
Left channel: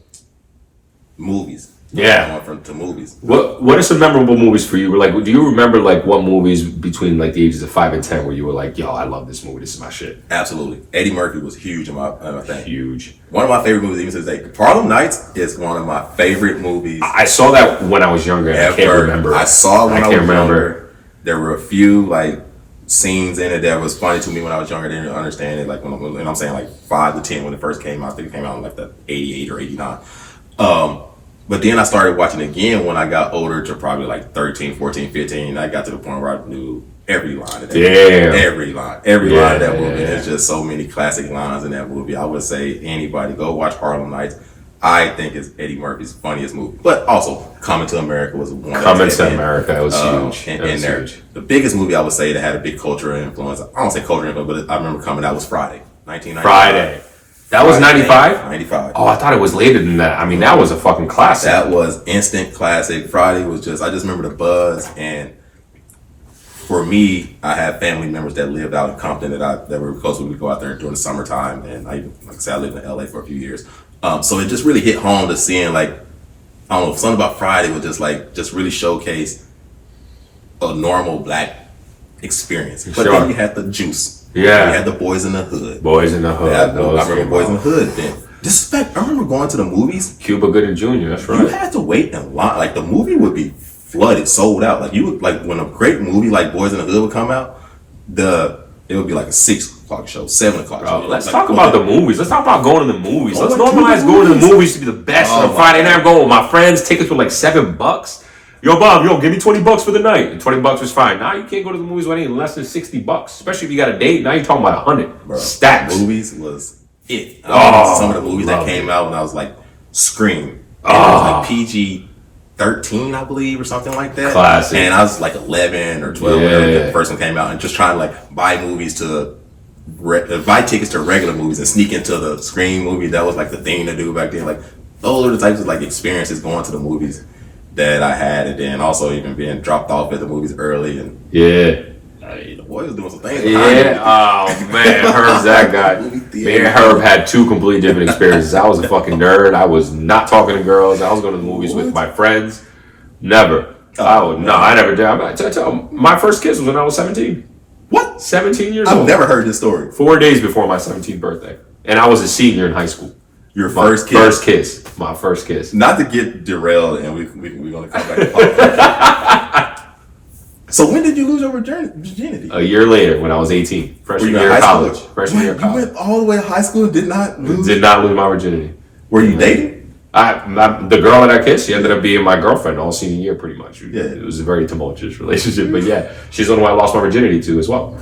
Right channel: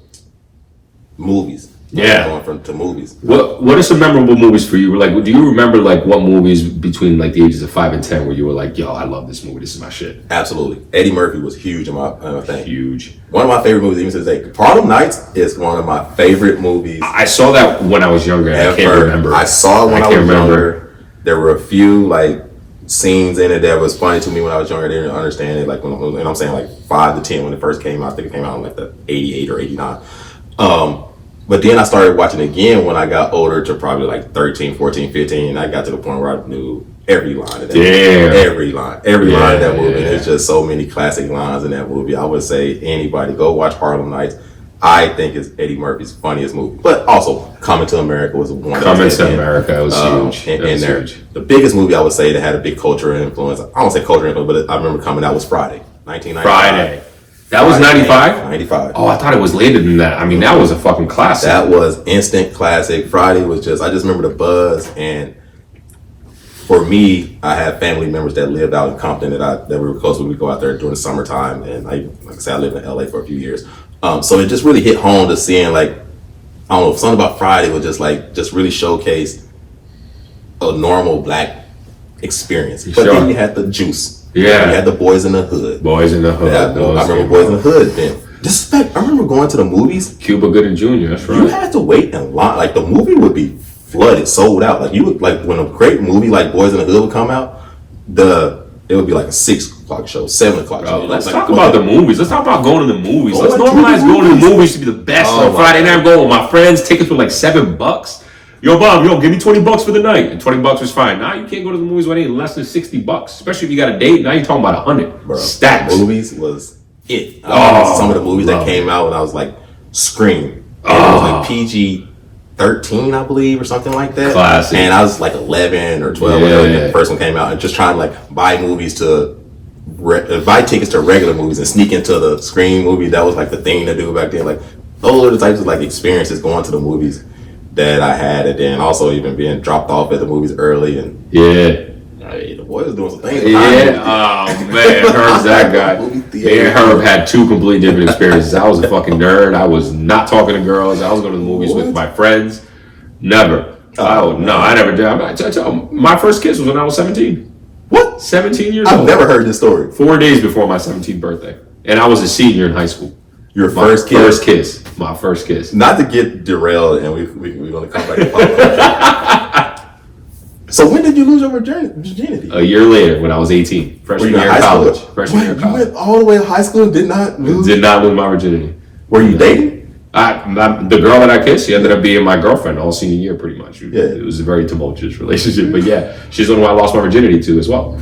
movies. Yeah, going to movies. What are some memorable movies for you? Like, do you remember like what movies between like the ages of 5 and 10 where you were like, yo, I love this movie. This is my shit. Absolutely, Eddie Murphy was huge in my thing. Huge. One of my favorite movies, even to this day. Harlem Nights is one of my favorite movies. I saw that when I was younger. And I can't remember. I saw it when I was younger. There were a few like scenes in it that was funny to me when I was younger. I didn't understand it. Like and I'm saying like 5 to 10 when it first came out. I think it came out in like the 88 or 89. But then I started watching again when I got older to probably like 13, 14, 15. I got to the point where I knew every line of that movie. Every line of that movie. Yeah. There's just so many classic lines in that movie. I would say anybody go watch Harlem Nights. I think it's Eddie Murphy's funniest movie. But also, Coming to America was one. Coming to America was huge. Huge. The biggest movie I would say that had a big cultural influence, I don't say cultural influence, but I remember coming out was Friday, 1995. Friday. That was 95? 95. Oh, I thought it was later than that. I mean, that was a fucking classic. That was instant classic. Friday was I just remember the buzz. And for me, I had family members that lived out in Compton that we were close with. We go out there during the summertime. And like I said, I lived in LA for a few years. So it just really hit home to seeing like, I don't know, something about Friday was just really showcase a normal black experience. But then you had the juice. Yeah. You had the Boys in the Hood. Boys in the Hood. Yeah, I remember Boys in the Hood then. I remember going to the movies. Cuba Gooding Jr., that's right. You had to wait in line. Like the movie would be flooded, sold out. Like you would, like when a great movie like Boys in the Hood would come out, it would be like a 6 o'clock shows, 7 o'clock Bro, shows. let's Like, talk about the movies. Let's talk about going to the movies. Let's Going to normalize the going to the movies. movies to be the best. Oh On Friday my night, I'm going with my friends. Tickets were like $7. Yo, Bob, give me $20 for the night. And $20 was fine. Now you can't go to the movies with any less than $60. Especially if you got a date. Now you're talking about 100. Bro, Stacks. Movies was it. Oh, some of the movies that love came out when I was like Scream. It was like PG-13, I believe, or something like that. Classic. And I was like 11 or 12 when the first one came out, and just trying to like buy movies to buy tickets to regular movies and sneak into the Scream movie. That was like the thing to do back then. Like those are the types of like experiences going to the movies that I had, and then also even being dropped off at the movies early. And I mean, the boy was doing some things. Oh man, Herb's that guy. Me and Herb had two completely different experiences. I was a fucking nerd. I was not talking to girls. I was going to the movies with my friends. Never. I never did. My first kiss was when I was 17. What? 17 years old. I've never heard this story. 4 days before my 17th birthday. And I was a senior in high school. Your My first kiss? first kiss. My first kiss. Not to get derailed, and we're going to come back to pop culture. So when did you lose your virginity? A year later, when I was 18. Freshman year of college. Freshman year of college. You went all the way to high school and did not lose? Did not lose my virginity. Were you dating? The girl that I kissed, she ended up being my girlfriend all senior year, pretty much. Yeah. It was a very tumultuous relationship, but yeah, she's the one who I lost my virginity to as well.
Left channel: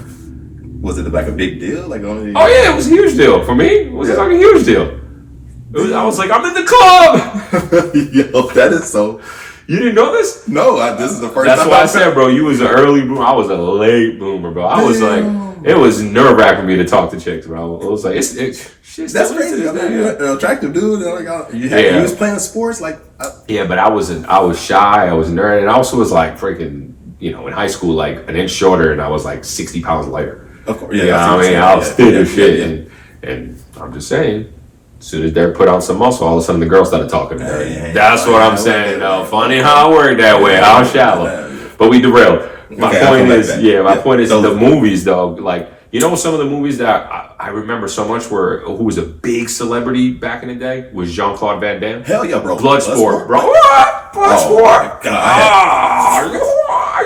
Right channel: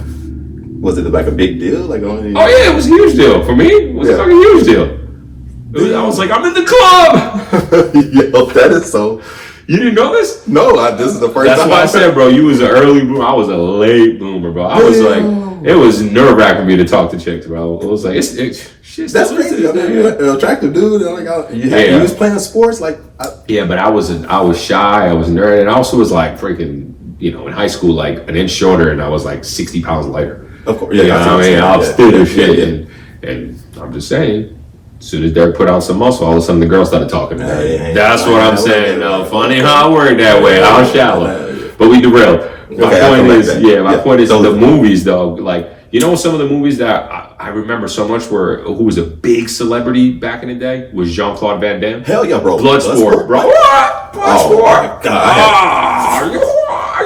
Was it like a big deal? Like, oh yeah, it was a huge deal for me. It was a fucking huge deal. I was like, I'm in the club. Yo, that is so. You didn't know this? No, this is the first time. That's why I said, bro, you was an early bloomer. I was a late bloomer, bro. I was like, it was nerve wracking for me to talk to chicks, bro. It was like, that's crazy. I mean, you're an attractive dude. Like, you was playing sports, like. Yeah, but I was shy. I was nerd, and I also was like freaking, in high school, like an inch shorter, and I was like 60 pounds lighter. Of course, yeah. You know what I mean, I was thin as shit, and I'm just saying. As soon as Derek put on some muscle, all of a sudden the girl started talking to Derek. That's what I'm saying, though. Funny how it worked that way. How shallow. But we derailed. My point is the movies, though. Like, some of the movies that I remember so much who was a big celebrity back in the day was Jean-Claude Van Damme. Hell yeah, bro. Bloodsport, bro. What? Bloodsport. Oh, God. I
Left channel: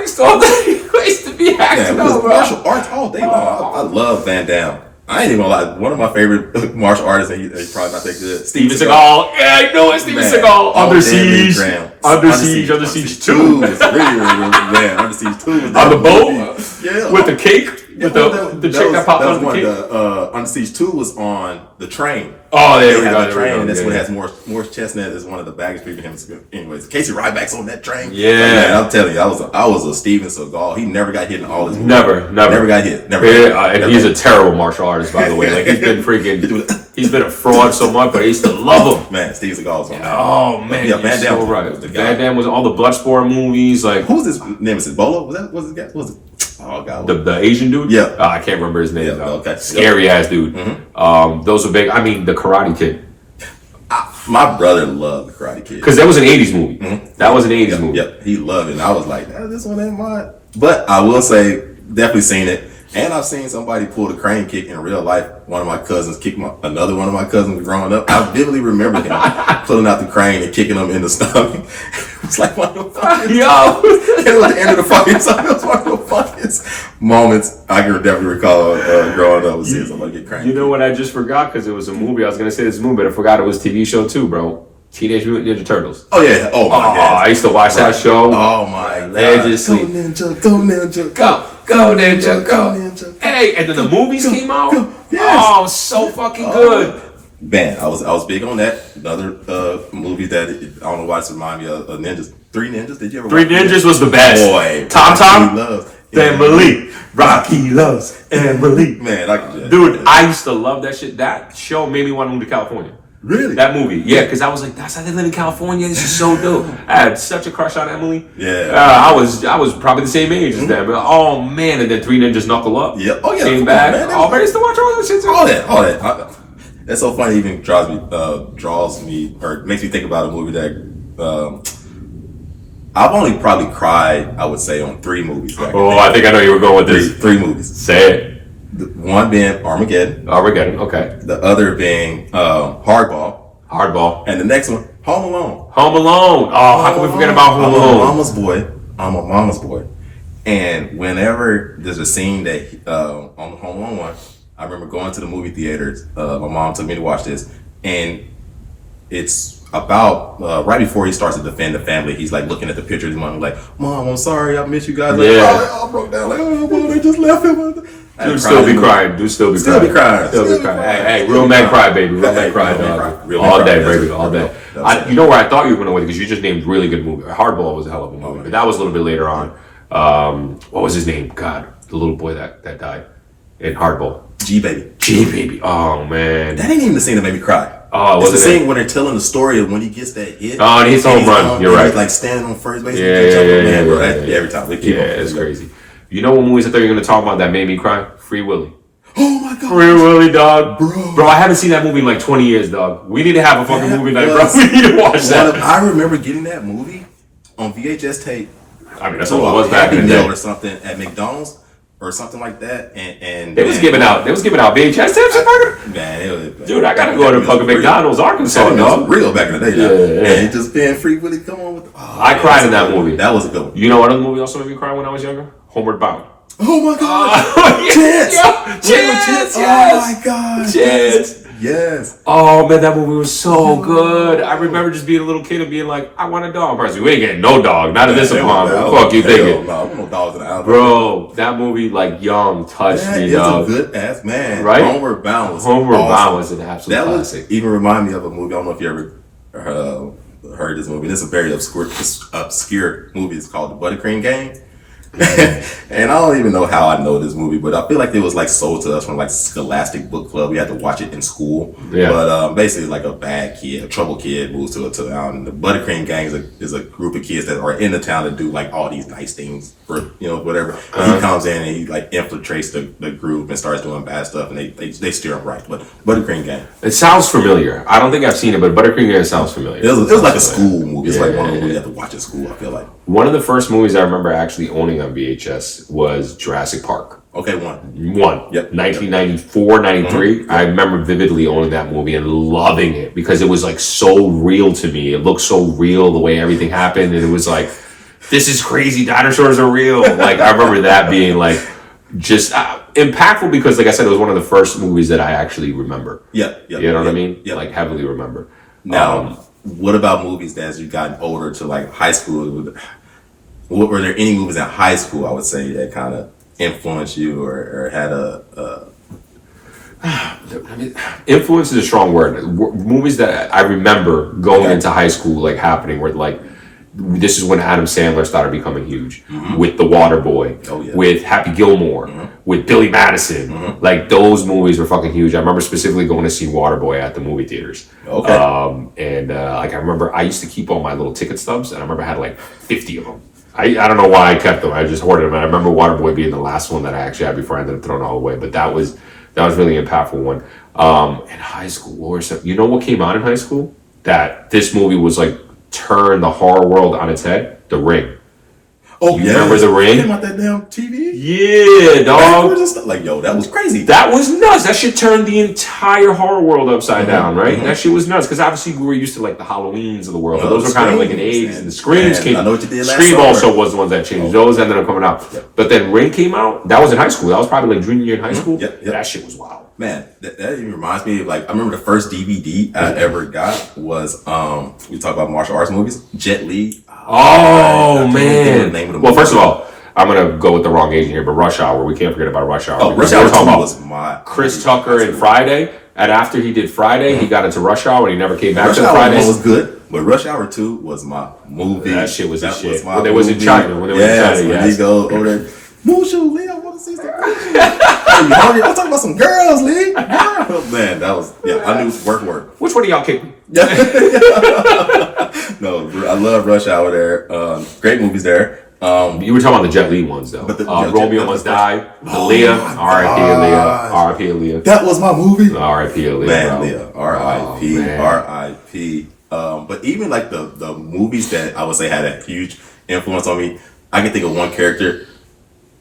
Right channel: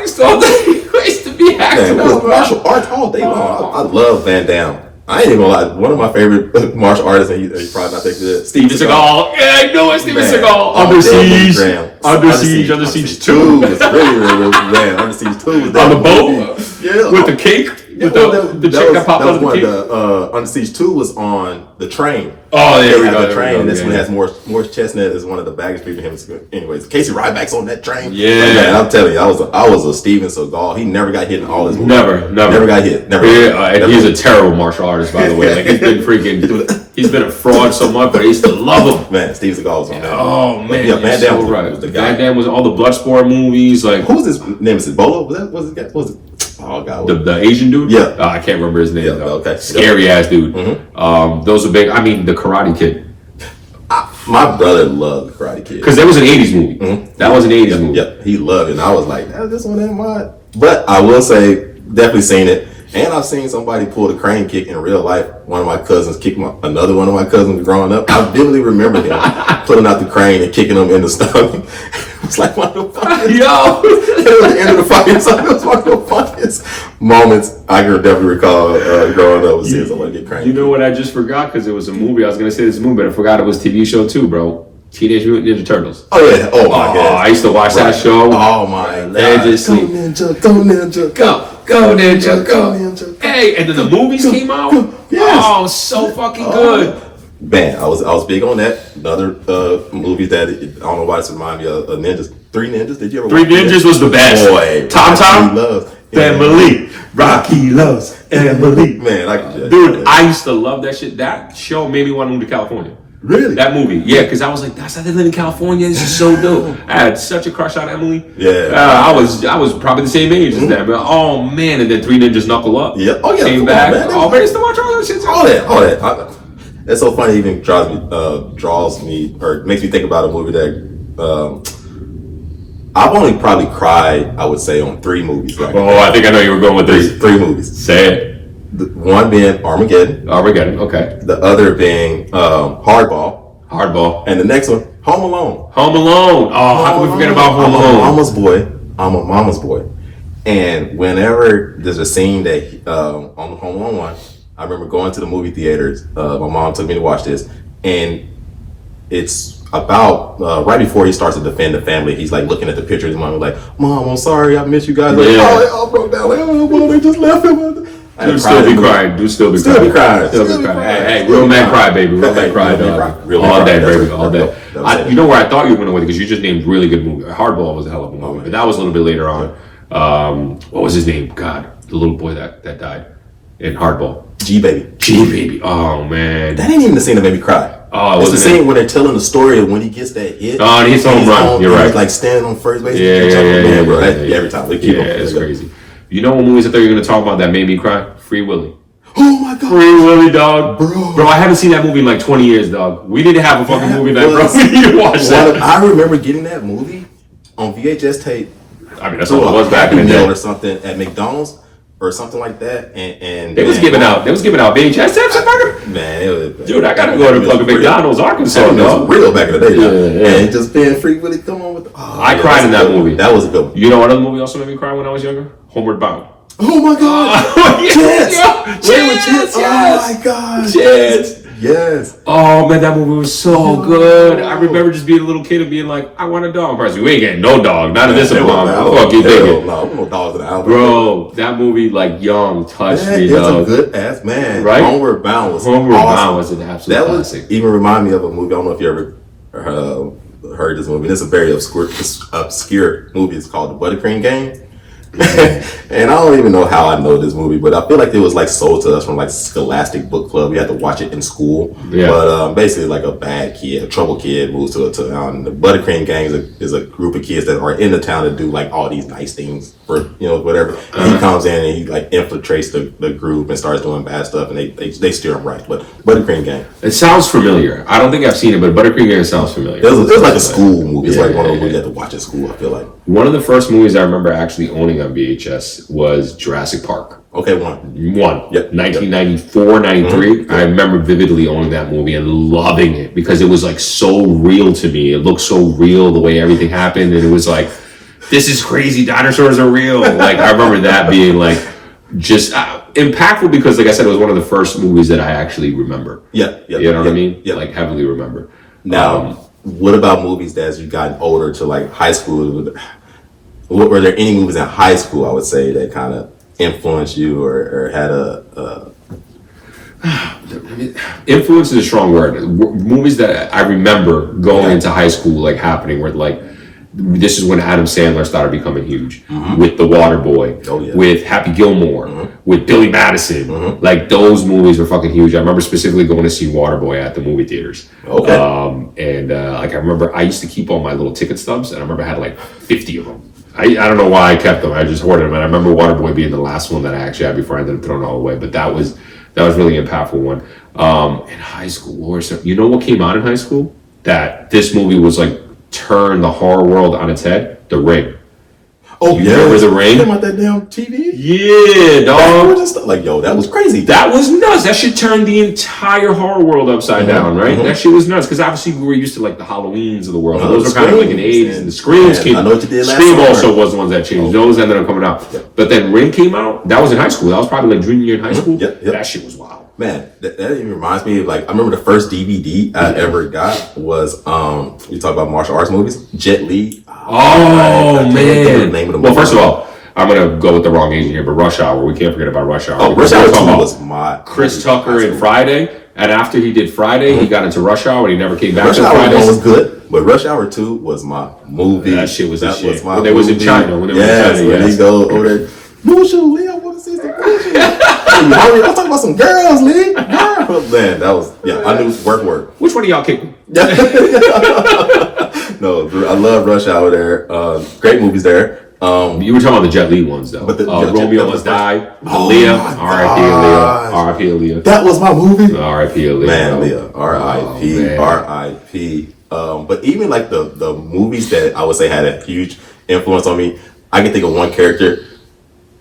used to be acting out, bro. Martial arts all day long. I love Van Damme. I ain't even gonna lie. One of my favorite martial artists, and he's probably not that good. Steven Seagal. Yeah, I know it. Steven Seagal. Under Siege. Under Siege 2. Was really, man. Under Siege 2 was on the boat? Yeah. With the cake? With the chick that popped out of the cake? Under Siege 2 was on the train. Oh, there we go. The train. This one has Morris Chestnut is one of the baggage people. Anyways, Casey Ryback's on that train. Yeah. Man, I'm telling you, I was a Steven Seagal. He never got hit in all his movies. Never got hit. Never. And he's a terrible martial artist, by the way. Like, he's been he's been a fraud so much, but I used to love him. Man, Steven Seagal was on that. Oh, man. Yeah, Van Damme so right. was the guy. Van Damme was all the Bloodsport movies. Like, who's his nemesis? Bolo? Was it? Oh, God. The Asian dude? Yeah. I can't remember his name, though. Okay. Scary ass dude. Mm-hmm. Those are big. I mean, the Karate Kid. My brother loved the Karate Kid. Because that was an 80s movie. Mm-hmm. That was an 80s movie. Yeah, he loved it. And I was like, this one ain't mine. But I will say, definitely seen it. And I've seen somebody pull the crane kick in real life. One of my cousins kicked another one of my cousins growing up. I vividly remember him pulling out the crane and kicking him in the stomach. It's like one of the funniest. Yo! It was the end of the fight. So it was one of the funniest moments I can definitely recall growing up, was seeing somebody get cranked. You know what I just forgot? Because it was a movie. I was going to say this movie, but I forgot it was a TV show too, bro. Teenage Mutant Ninja Turtles. Oh, yeah. Oh, my God. I used to watch that show. Oh, my God. And just sleep. Go, Ninja. Go, Ninja. Go, Ninja. Go. Ninja. Hey, and then the movies came out. Yes. Oh, so fucking good. Man, I was big on that. Another movie that, I don't know why it's reminding me of Ninjas. Three Ninjas. Did you ever watch Three Ninjas was the best. Boy. Tom. Loves. Family. Rocky loves Emily. Man, dude, I used to love that shit. That show made me want to move to California. Really? That movie, yeah, because I was like, that's how they live in California. This is so dope. I had such a crush on Emily. Yeah. I was probably the same age as that, but oh man, and then Three Ninjas Knuckle Up. Yeah. Oh yeah. Came back. Man, I used to watch all that shit. All that. It's so funny. It even draws me, or makes me think about a movie that I've only probably cried, I would say, on 3 movies. I think I know you were going with this. 3 movies. Say it. One being Armageddon, okay. The other being Hardball, and the next one Home Alone. Oh, how can we forget about Home Alone? I'm a mama's boy, and whenever there's a scene that on the Home Alone one, I remember going to the movie theaters. My mom took me to watch this, and it's about right before he starts to defend the family. He's like looking at the pictures. His mom like, "Mom, I'm sorry, I miss you guys." Like, Yeah. it all broke down. Like, oh, well, they just left him. Dude still be crying. Still be crying. Hey, real man cry, baby. Real man cry, dog. All day, baby. All day. You know where I thought you were going to win because you just named really good movie. Hardball was a hell of a movie, but that was a little bit later on. What was his name? God, the little boy that died in Hardball. G baby. Oh man, that ain't even the scene that made me cry. Oh, it's the scene when they're telling the story of when he gets that hit. Oh, and he hits home run. You're right. Like standing on first base. Yeah. Every time. It's crazy. You know what movies I thought you were going to talk about that made me cry? Free Willy. Oh my god. Free Willy, dog. Bro, I haven't seen that movie in like 20 years, dog. We need to have a fucking movie night, bro. We need to watch that. I remember getting that movie on VHS tape. I mean, that's what it was back in the day. Or something at McDonald's or something like that. And they was giving out VHS tapes. Man, dude, I gotta go to fucking McDonald's, Arkansas, dog. Real back in the day, yeah. And just being Free Willy, come on with. I cried in that movie. That was a good one. You know what other movie also made me cry when I was younger? Homeward Bound. Oh my god! Chance! Oh my god! Chance! Yes. Oh man, that movie was so good. I remember just being a little kid and being like, I want a dog. Person, we ain't getting no dog. Not in this apartment. What the fuck you thinking? No, no dogs in the house. Bro, that movie like young touched me, dog. It's a good ass man. Right? Homeward Bound was an absolute classic. That even remind me of a movie. I don't know if you ever heard this movie. It's a very obscure movie. It's called The Buttercream Gang. And I don't even know how I know this movie, but I feel like it was like sold to us from like Scholastic Book Club. We had to watch it in school. Yeah. But basically, like a bad kid, a troubled kid, moves to a town. The Buttercream Gang is a group of kids that are in the town to do like all these nice things for whatever. And he comes in and he like infiltrates the group and starts doing bad stuff, and they steer him right. But Buttercream Gang. It sounds familiar. I don't think I've seen it, but Buttercream Gang sounds familiar. It was like a school movie. It's like one of the movies you have to watch at school. I feel like one of the first movies I remember actually owning on VHS was Jurassic Park. Okay, one. Yep. 1994, 93. Mm-hmm. I remember vividly owning that movie and loving it because it was like so real to me. It looked so real the way everything happened, and it was like, this is crazy. Dinosaurs are real. Like I remember that being like just impactful because, like I said, it was one of the first movies that I actually remember. You know what I mean? Yeah, like heavily remember. Now, what about movies that as you gotten older to like high school? Were there any movies in high school, I would say, that kind of influenced you or had a influence is a strong word. Movies that I remember going into high school, like happening where like, this is when Adam Sandler started becoming huge with The Waterboy, with Happy Gilmore, with Billy Madison. Like those movies were fucking huge. I remember specifically going to see Waterboy at the movie theaters. Okay. Like I remember I used to keep all my little ticket stubs, and I remember I had like 50 of them. I don't know why I kept them. I just hoarded them. And I remember Waterboy being the last one that I actually had before I ended up throwing it all away. But that was really an impactful one. In high school, what came out in high school? That this movie was like turn the horror world on its head. The Ring. Oh, you remember The Ring? About that damn TV? Yeah, dog. Like, yo, that was crazy. That was nuts. That shit turned the entire horror world upside down, right? That shit was nuts because obviously we were used to like the Halloweens of the world. Those were kind of like an 80s, and the Screams came. I know what you did last Scream summer. also was the ones that changed. Those ended up coming out. But then Ring came out. That was in high school. That was probably like junior year in high school. That shit was wild. Man, that even reminds me of like I remember the first DVD I ever got was we talk about martial arts movies. Jet Li. Oh man! Well, first of all, I'm gonna go with the wrong agent here, but Rush Hour. We can't forget about Rush Hour. Oh, Rush Hour 2 was my Chris Tucker in Friday, and after he did Friday, he got into Rush Hour and he never came back to Friday. Rush Hour 1 was good, but Rush Hour 2 was my movie. That shit was the shit. When they was in China. When they was in China, when he go over there. Mushu, Lee, I want to see some Mushu. I'm talking about some girls, Lee. Man, that was I knew work. Which one of y'all kicking? No, I love Rush Hour there. Great movies there. You were talking about the Jet Li ones though. But Romeo Must Die, Aaliyah, R.I.P. Aaliyah, R.I.P. Aaliyah. That was my movie. R.I.P. Aaliyah, man, Aaliyah, R.I.P. R.I.P. But even like the movies that I would say had a huge influence on me, I can think of one character.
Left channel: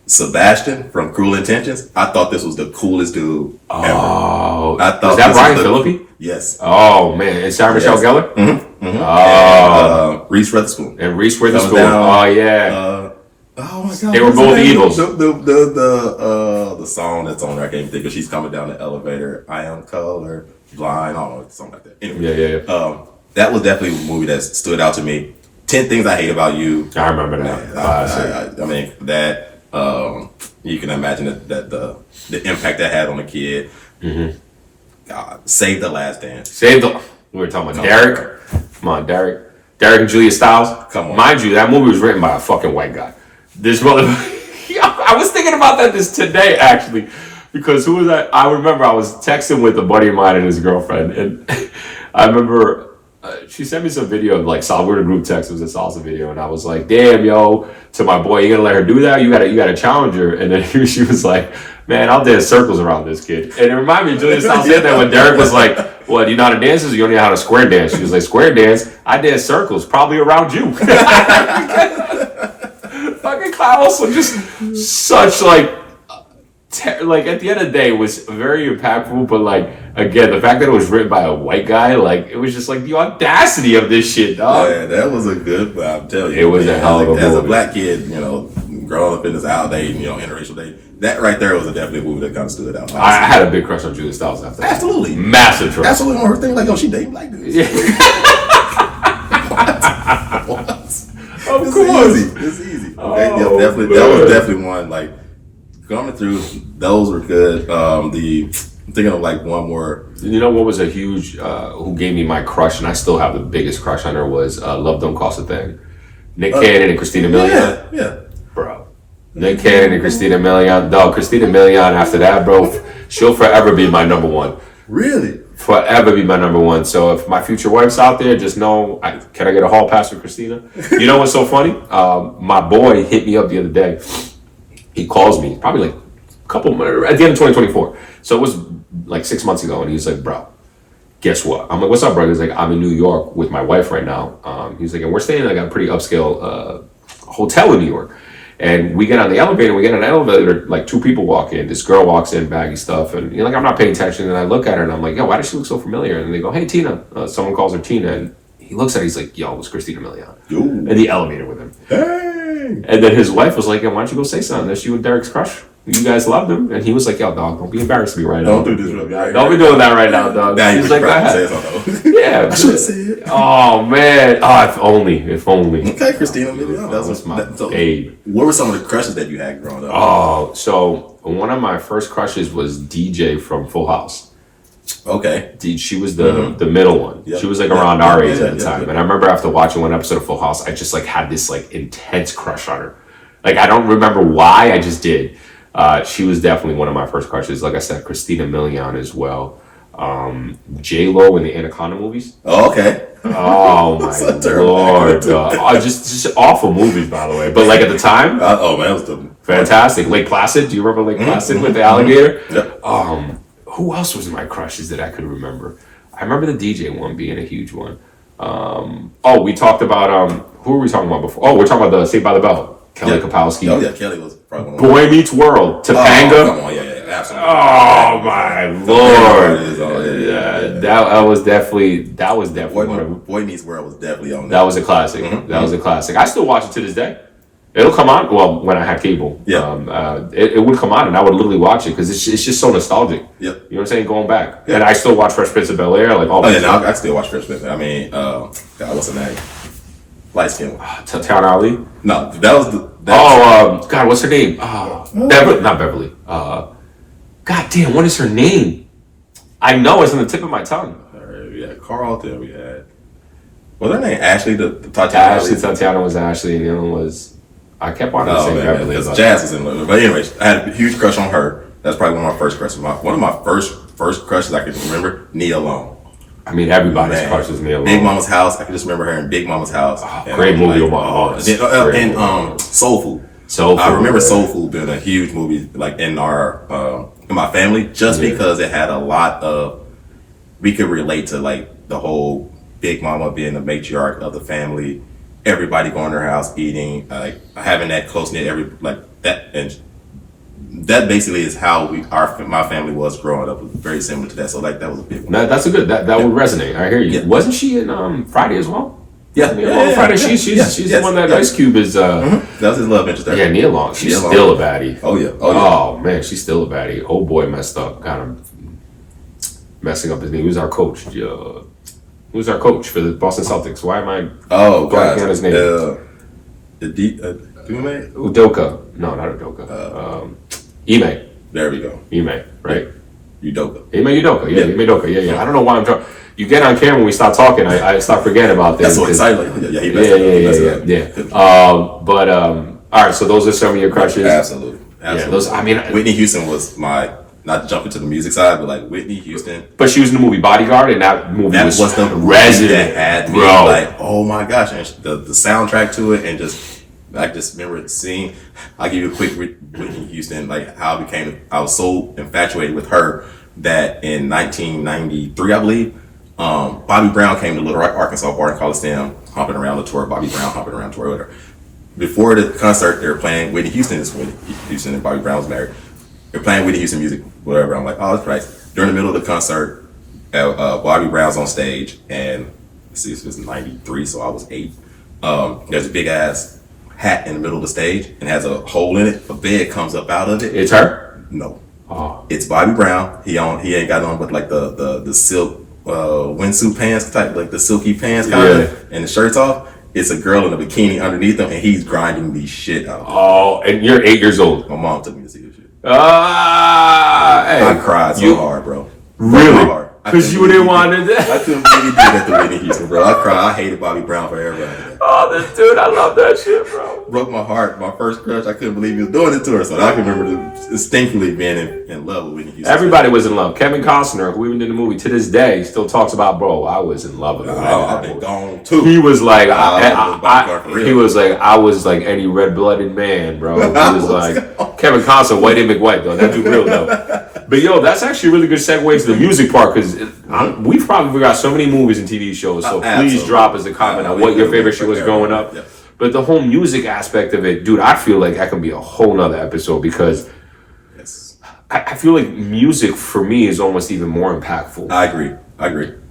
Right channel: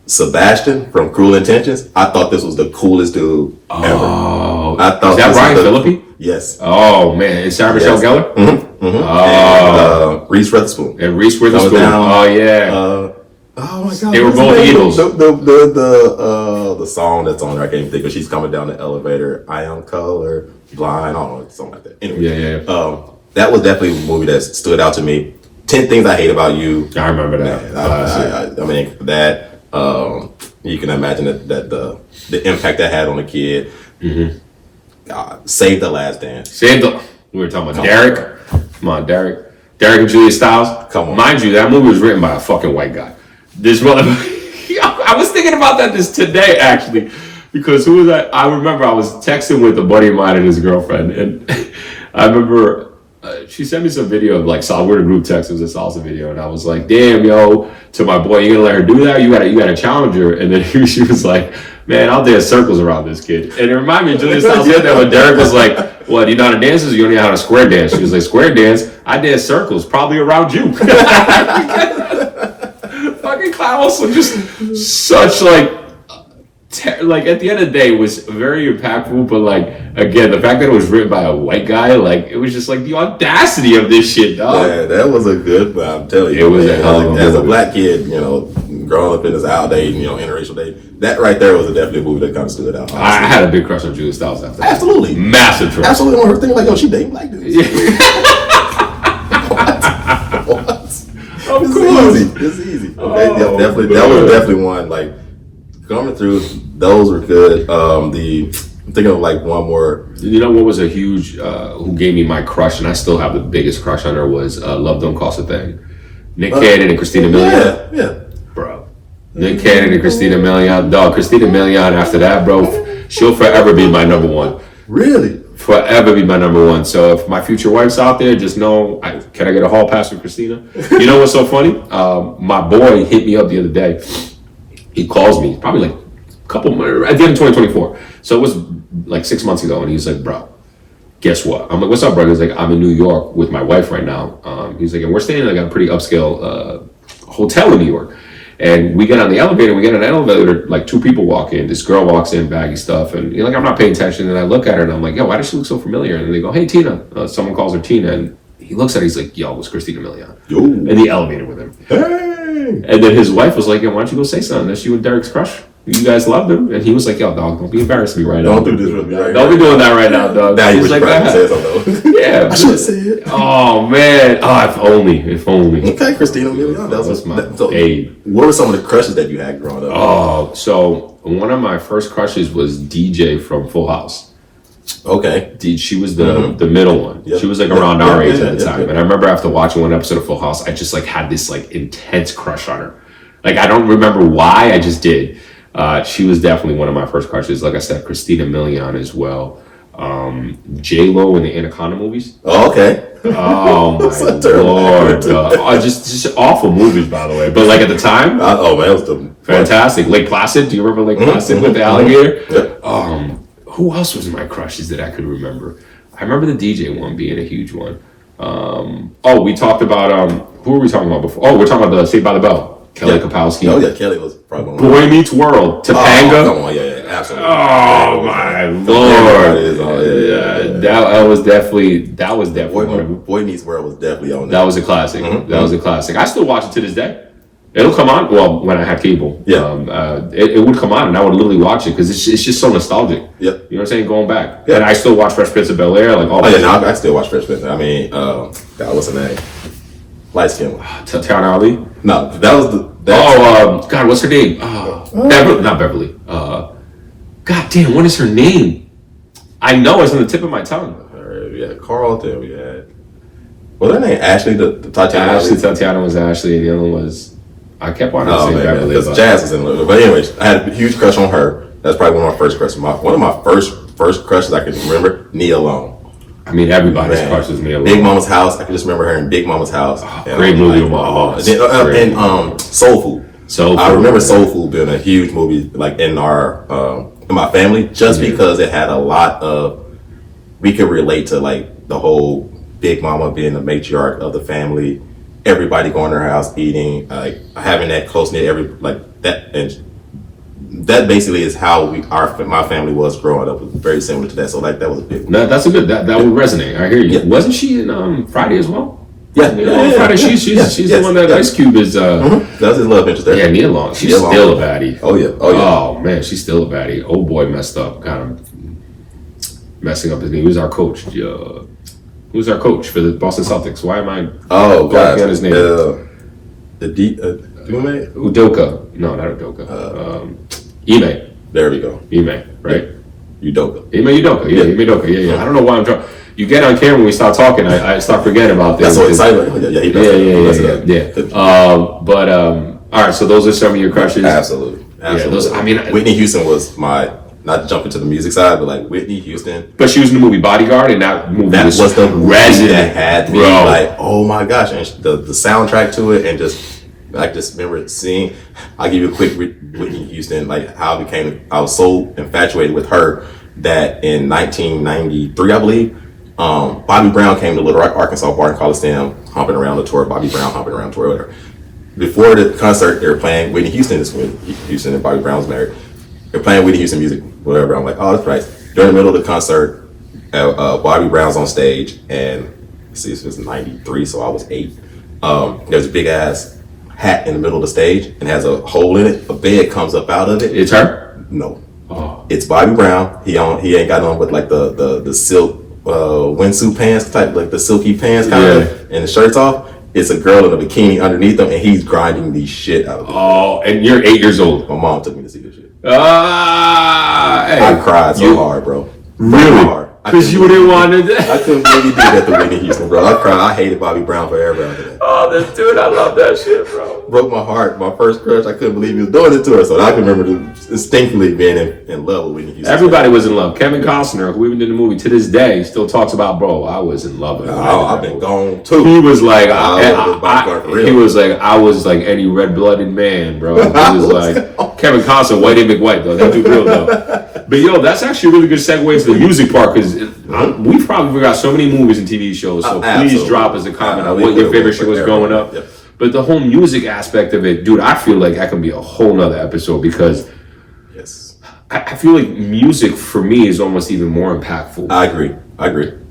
Sebastian from Cruel Intentions. I thought this was the coolest dude ever. I thought is that Brian Phillippe? Yes. Oh man, is Sarah Michelle Gellar? Mm-hmm. Oh, and, Reese Witherspoon. Oh yeah. Oh my god! They were both evils. The song that's on there, I can't even think of. She's coming down the elevator. I am color blind, something like that. Anyway, Yeah. That was definitely a movie that stood out to me. 10 Things I Hate About You. I remember that. I mean that. You can imagine that the impact that had on the kid. Mm-hmm. God, Save the Last Dance. We were talking about Derek. Come on, Derek and Julia Stiles. Come on. Mind you, that movie was written by a fucking white guy. This brother. I was thinking about this today, actually, because who was I? I remember I was texting with a buddy of mine and his girlfriend, and I remember she sent me some video of like we're in a group text. It was a salsa video, and I was like, "Damn, yo!" To my boy, you gonna let her do that? You gotta challenge her. And then she was like, "Man, I'll dance circles around this kid." And it reminded me, Julia Stiles said that when Derek was like, "What? You know how to dance? Or you only know how to square dance?" She was like, "Square dance? I dance circles, probably around you." Fucking Klaus was just such like at the end of the day, it was very impactful. But like again, the fact that it was written by a white guy, like it was just like the audacity of this shit, dog. Yeah, that was a good. I'm telling you, it was a hell of a movie. As a black kid, growing up in this out day, interracial day, that right there was definitely a movie that kind of stood out. I had a big crush on Julia Stiles after that. Absolutely, massive crush. Absolutely, on her thing like, she dating black dudes. Yeah. What? Of It's course. easy. It's easy. That was definitely one. Like coming through, those were good. I'm thinking of like one more. You know what was a huge? Who gave me my crush, and I still have the biggest crush on her was Love Don't Cost a Thing. Nick Cannon and Christina Milian. Yeah. Bro. Nick Cannon and Christina Milian. Dog, Christina Milian. After that, bro, she'll forever be my number one. Really? Forever be my number one. So if my future wife's out there, just know, can I get a hall pass with Christina? You know what's so funny? My boy hit me up the other day. He calls me probably like a couple months at the end of 2024. So it was like 6 months ago, and he's like, "Bro, guess what?" I'm like, "What's up, brother?" He's like, "I'm in New York with my wife right now." He's like, "And we're staying in like a pretty upscale hotel in New York." And we get on the elevator, like two people walk in. This girl walks in, baggy stuff, and you're like, I'm not paying attention. And I look at her and I'm like, yo, why does she look so familiar? And they go, hey, Tina. Someone calls her Tina, and he looks at her, he's like, yo, it's Christina Milian. Ooh. In the elevator with him. Hey. And then his wife was like, yo, why don't you go say something? That's you and Derek's crush. You guys loved him. And he was like, yo, dog, don't be embarrassing me right now. Don't do this with me. Don't be doing that right now, dog. Now He's like, yeah, I should have said it. Oh, man. Oh, if only. Okay, Christina Milian. That was my babe. What were some of the crushes that you had growing up? Oh, so one of my first crushes was DJ from Full House. Okay. She was the middle one. Yep. She was like around our age at the time. And I remember after watching one episode of Full House, I just like had this like intense crush on her. Like I don't remember why, I just did. She was definitely one of my first crushes. Like I said, Christina Milian as well. J-Lo in the Anaconda movies. Oh, okay. Oh my Lord. Just awful movies, by the way. But like at the time, man, it was fantastic. Lake Placid. Do you remember Lake Placid with the alligator? Yep. Who else was my crushes that I could remember? I remember the DJ one being a huge one. We talked about who were we talking about before? Oh, we're talking about the Saved by the Bell. Kelly Kapowski. Oh yeah, Kelly was probably one. Boy Meets World. Topanga. Come on, yeah, absolutely. Oh my Lord. That was definitely Boy Meets World was definitely on that was a classic. That was a classic. I still watch it to this day. It'll come on. Well, when I had cable, it would come on, and I would literally watch it because it's just so nostalgic. Yep. You know what I'm saying? Going back, and I still watch Fresh Prince of Bel-Air. Like I still watch Fresh Prince. I mean, what's the name? Light skin. Tatiana Ali. No, that was the. God, what's her name? Beverly, not Beverly. God damn, what is her name? I know it's on the tip of my tongue. We had Carlton. We had. Well, her name Ashley. The Tatiana. Ashley. Tatiana was Ashley, and the other one was. I kept wanting to say Beverly. Because Jazz was in love. But anyways, I had a huge crush on her. That's probably one of my first crushes. One of my first crushes I can remember. Nia Long. I mean, everybody's crush was Nia Long. Big Mama's House. I can just remember her in Big Mama's House. Great movie with my heart. And Soul Food. I remember Soul Food being a huge movie, like in my family, just because it had a lot of. We could relate to like the whole Big Mama being the matriarch of the family, everybody going to her house eating, like having that close knit that basically is how my family was growing up. It was very similar to that. So like that was a big one. That's a good that would resonate. I hear you. Yeah. Wasn't she in Friday as well? Yeah, Nia Long Friday. She's the one that Ice Cube is. That was his love interest there. Yeah, Nia Long. She's still a baddie. Oh yeah. Oh man, she's still a baddie. Old boy messed up, kind of messing up his name. Who's our coach? Who's our coach for the Boston Celtics? Why am I blanking on his name? Udoka. No, not Udoka. Ime. There we go. Ime, right? Udoka. Ime Udoka. Yeah, Ime Udoka. Yeah. I don't know why I'm trying. You get on camera when we start talking, I start forgetting about this. That's so exciting. Yeah. All right, so those are some of your crushes. Absolutely. Yeah, those. I mean, Whitney Houston was my, not to jump into the music side, but like Whitney Houston. But she was in the movie Bodyguard, and that movie was the resident. That had me like, oh my gosh, and the soundtrack to it, and I just remember seeing. I'll give you a quick Whitney Houston, like how I was so infatuated with her that in 1993, I believe, Bobby Brown came to Little Rock, Arkansas, Barton Coliseum, humping around the tour. Bobby Brown humping around the tour, whatever. Before the concert, they were playing Whitney Houston. This Whitney Houston and Bobby Brown was married. They're playing Whitney Houston music, whatever. I'm like, oh, that's right. During the middle of the concert, Bobby Brown's on stage, and this was 93, so I was 8. There's a big ass hat in the middle of the stage and has a hole in it. A bed comes up out of it. It's her? No. Oh. It's Bobby Brown. He ain't got on with like the silk windsuit pants type, like the silky pants kind of, and the shirt's off. It's a girl in a bikini underneath him, and he's grinding the shit out of it. Oh, and you're 8 years old. My mom took me to see this shit. Hey, I cried so hard, bro. Really? Because you didn't want to. I couldn't believe he did that to Whitney Houston, bro. I cried. I hated Bobby Brown forever after that. Oh, this dude, I love that shit, bro. Broke my heart. My first crush. I couldn't believe he was doing it to her. So I can remember distinctly being in love with Whitney Houston. Everybody was in love. Kevin Costner, who even did the movie to this day, still talks about, bro, I was in love with him. I've been gone too. He was like, he was like, I was like any red-blooded man, bro. He was like, Kevin Costner, Whitey McWhite, though. That dude real, though. But yo, that's actually a really good segue to the music part, because we've probably forgot so many movies and TV shows. So please drop us a comment on what your favorite shit was growing up. Yeah. But the whole music aspect of it, dude, I feel like that can be a whole nother episode, because I feel like music for me is almost even more impactful. I agree.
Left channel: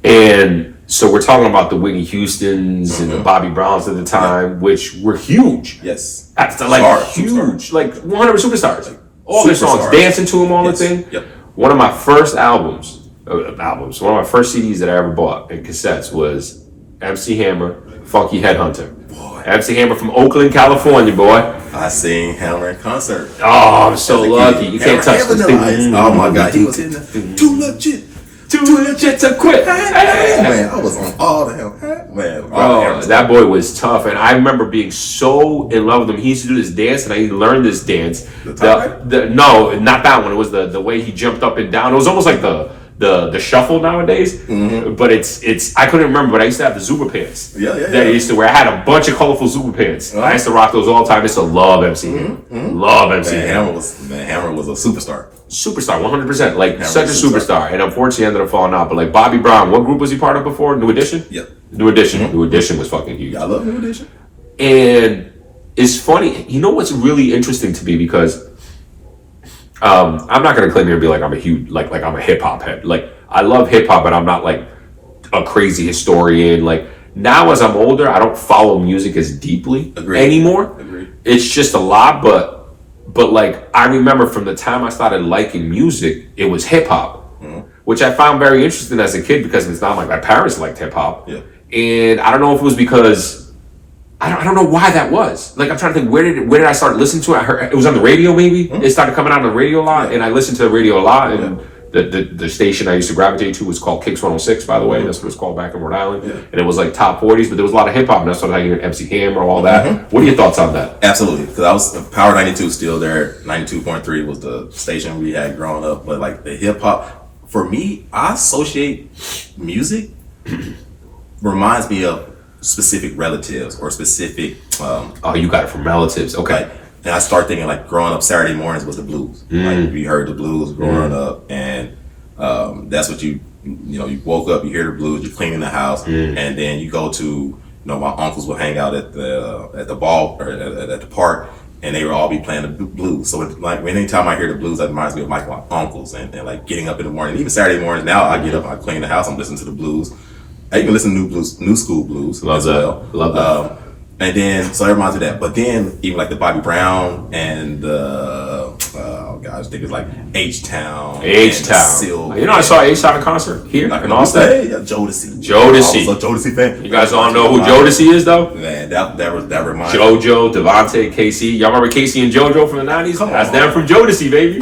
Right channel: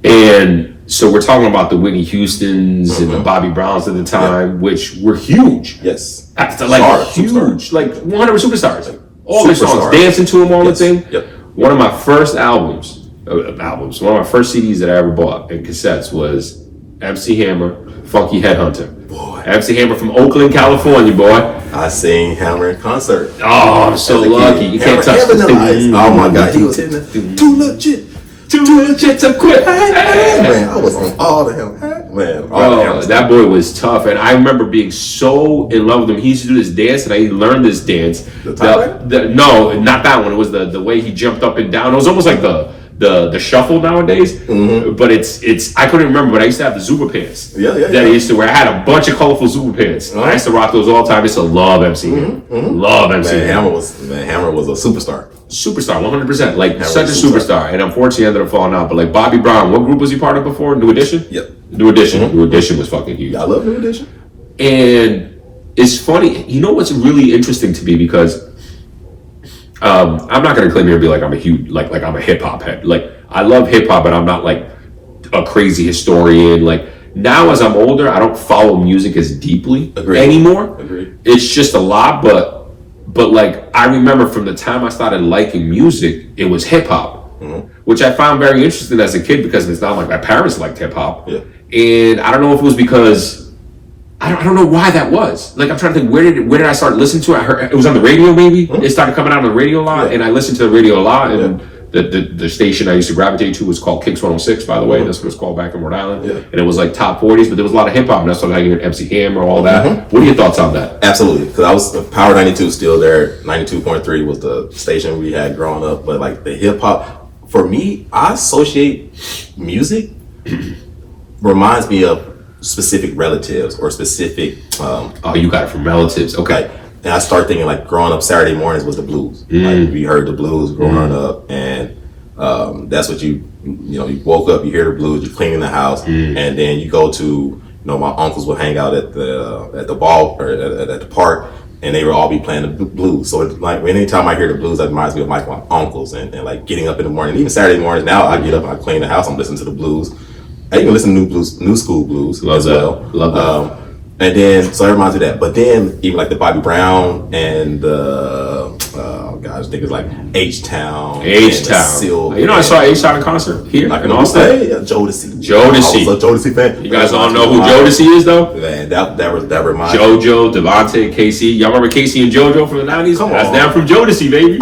And so we're talking about the Whitney Houstons and the Bobby Browns at the time, which were huge. Yes. Like huge, like 100 superstars. Like, all their songs, dancing to them all the time. Yep. One of my first one of my first CDs that I ever bought and cassettes was MC Hammer, Funky Headhunter. Boy. MC Hammer from Oakland, California, boy. I seen Hammer in concert. Oh, I'm so lucky. You can't touch this thing. Oh my God, he was hitting it. Too legit to quit. Man, I was on all the hell. Man, bro, that boy was tough, and I remember being so in love with him. He used to do this dance, and I learned this dance. No, not that one. It was the way he jumped up and down. It was almost like the shuffle nowadays, but it's I couldn't remember, but I used to have the Zuba pants. That I used to wear. I had a bunch of colorful Zuba pants. I used to rock those all the time. I used to love MC Hammer. Love MC Hammer. Hammer was a superstar. 100%. Like Hammer such a superstar, and unfortunately ended up falling out. But like Bobby Brown, what group was he part of before? New Edition. Yep. New Edition. New Edition was fucking huge. I love New Edition. And it's funny. You know what's really interesting to me, because I'm not gonna claim here and be like I'm a huge like I'm a hip hop head. Like I love hip hop, but I'm not like a crazy historian. Like now as I'm older, I don't follow music as deeply anymore. It's just a lot, but like I remember from the time I started liking music, it was hip hop, which I found very interesting as a kid, because it's not like my parents liked hip hop, and I don't know if it was because I don't know why that was. Like I'm trying to think, where did I start listening to it? I heard it was on the radio, maybe. It started coming out on the radio a lot, and I listened to the radio a lot. And the station I used to gravitate to was called Kicks 106, by the way. That's what it's called back in Rhode Island. And it was like top 40s, but there was a lot of hip hop, and that's what I heard MC Hammer, all that. What are your thoughts on that? Absolutely, because I was Power 92 still there. 92.3 was the station we had growing up, but like the hip hop, for me, I associate music reminds me of specific relatives or specific oh, you got it from relatives. Okay. And I start thinking like growing up, Saturday mornings was the blues. Like we heard the blues growing up, and that's what you woke up, you hear the blues, you're cleaning the house, and then you go to, my uncles would hang out at the ball or at the park, and they would all be playing the blues. So it's like anytime I hear the blues, that reminds me of my uncles and like getting up in the morning. Even Saturday mornings now, I get up and I clean the house, I'm listening to the blues. I even listen to new school blues Love as that. well. Love that. And then, so it reminds me of that. But then, even like the Bobby Brown and the, oh gosh, I think it's like H-Town. H-Town. You know, I saw H-Town in concert here in Austin. Yeah, Jodeci. Jodeci. I was a Jodeci fan. You guys all know who Jodeci is, though? Man, that reminds JoJo, Devontae, Casey. Y'all remember Casey and JoJo from the 90s? That's them from Jodeci, baby.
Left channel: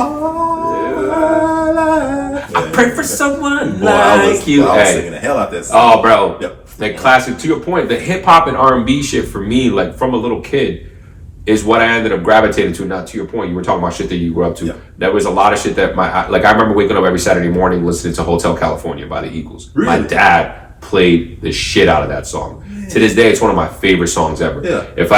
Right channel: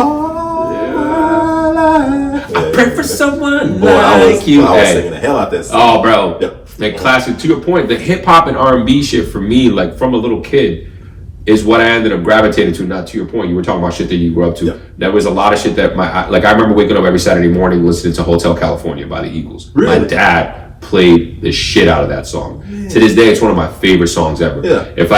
I pray for someone like you. I was singing the hell out that Oh, song. bro. Yep. Like classic. To your point, the hip hop and R&B shit for me, like from a little kid, is what I ended up gravitating to. Not to your point, you were talking about shit that you grew up to. Yep. There was a lot of shit that I remember waking up every Saturday morning listening to Hotel California by the Eagles. Really? My dad played the shit out of that song. To this day, it's one of my favorite songs ever. Yeah. If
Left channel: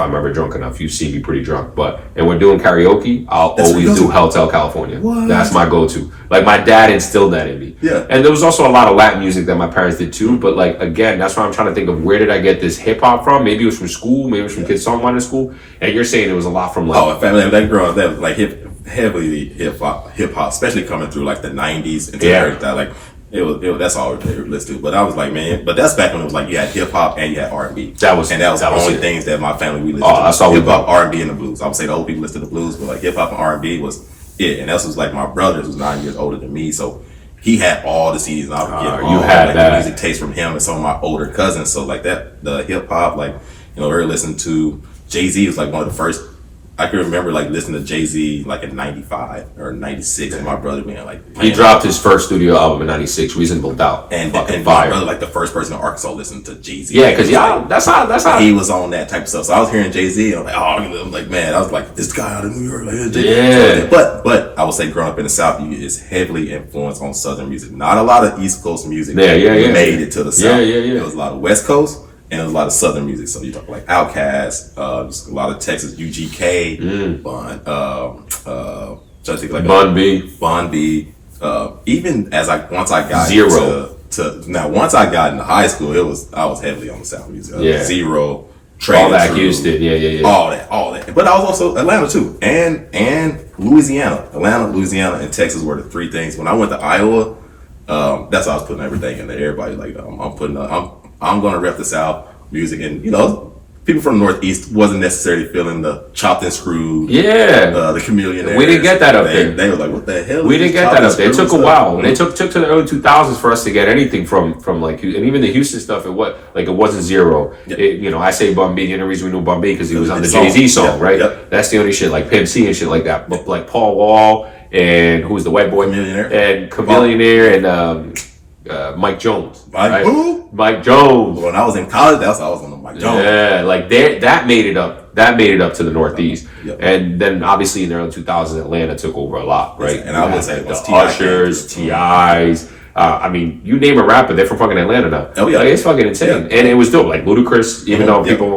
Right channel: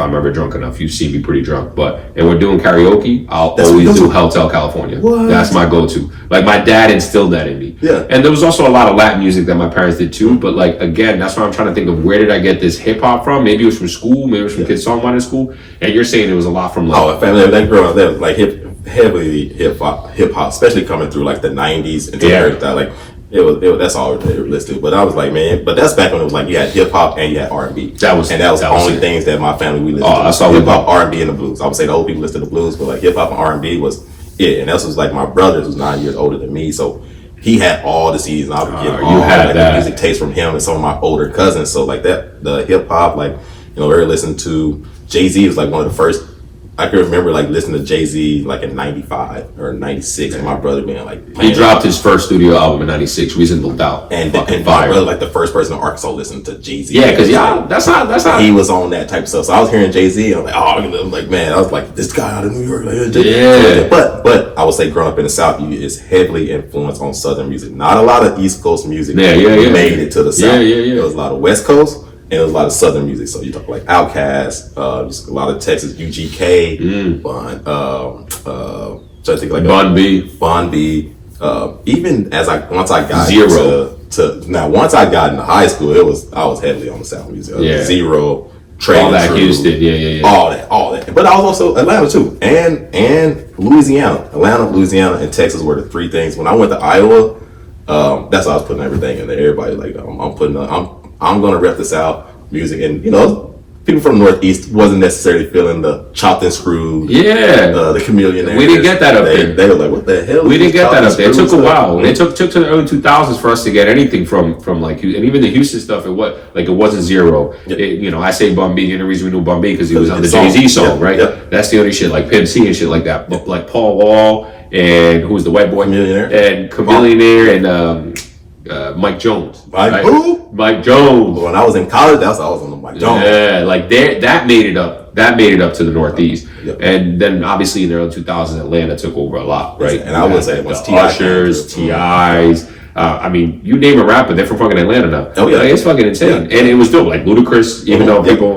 I'm ever drunk enough, you see me pretty drunk. And we're doing karaoke, I'll always do Hotel California. What? That's my go-to. Like my dad instilled that in me. Yeah. And there was also a lot of Latin music that my parents did too. But like again, that's why I'm trying to think of where did I get this hip hop from? Maybe it was from school. Maybe it was from kids' songwriting school. And you're saying it was a lot from like. Oh, family, they grew up there, like heavily hip hop, especially coming through like the '90s and that. Like it was that's all they were listening to. But I was like, man, but that's back when it was like you had hip hop and you had R&B. That was the only things that my family we listened to. That's all hip hop, R&B, and the blues. I would say the old people listened to the blues, but like hip hop and R&B was it. And that was like my brother, who's 9 years older than me, so he had all the CDs, and I would get all the music taste from him and some of my older cousins. So like that, the hip hop, like we were listening to Jay-Z was like one of the first. I can remember like listening to Jay-Z like in '95 or '96, and my brother being like, he dropped his first studio album in '96, Reasonable Doubt, and my brother like the first person in Arkansas listened to Jay-Z. Yeah, because that's how he was on that type of stuff. So I was hearing Jay-Z, and I'm like, man, I was like, this guy out of New York, like Jay-Z. Yeah. But I would say growing up in the South, is heavily influenced on Southern music. Not a lot of East Coast music. Yeah. Made it to the South. Yeah. There was a lot of West Coast. And there was a lot of Southern music, so you talk like Outkast, just a lot of Texas, UGK, Bun B. Even as once I got once I got into high school, I was heavily on the South music. Zero, all that Houston, all that. But I was also Atlanta too, and Louisiana, Louisiana, and Texas were the three things. When I went to Iowa, that's why I was putting everything in there. Everybody like I'm gonna rep the South music, and people from the Northeast wasn't necessarily feeling the chopped and screwed. Yeah, the Chameleon. We didn't get that up there. They were like, "What the hell?" We didn't get that up there. It took a while. It took to the early 2000s for us to get anything from like, and even the Houston stuff. It wasn't Zero. I say Bun B. And the reason we knew Bun B because he was on the Jay-Z song, right? Yep. That's the only shit like Pimp C and shit like that. But like Paul Wall and who was the white boy Chameleonaire and Mike Jones. Who? Mike Jones. When I was in college, I was on the Mike Jones. Yeah, like that made it up. That made it up to the Northeast. Yep. And then obviously in the early 2000s, Atlanta took over a lot, right? And I would say the Ushers, T.I.s. I mean, you name a rapper, they're from fucking Atlanta now. Oh yeah, like, it's fucking insane, and it was dope. Like Ludacris, even though people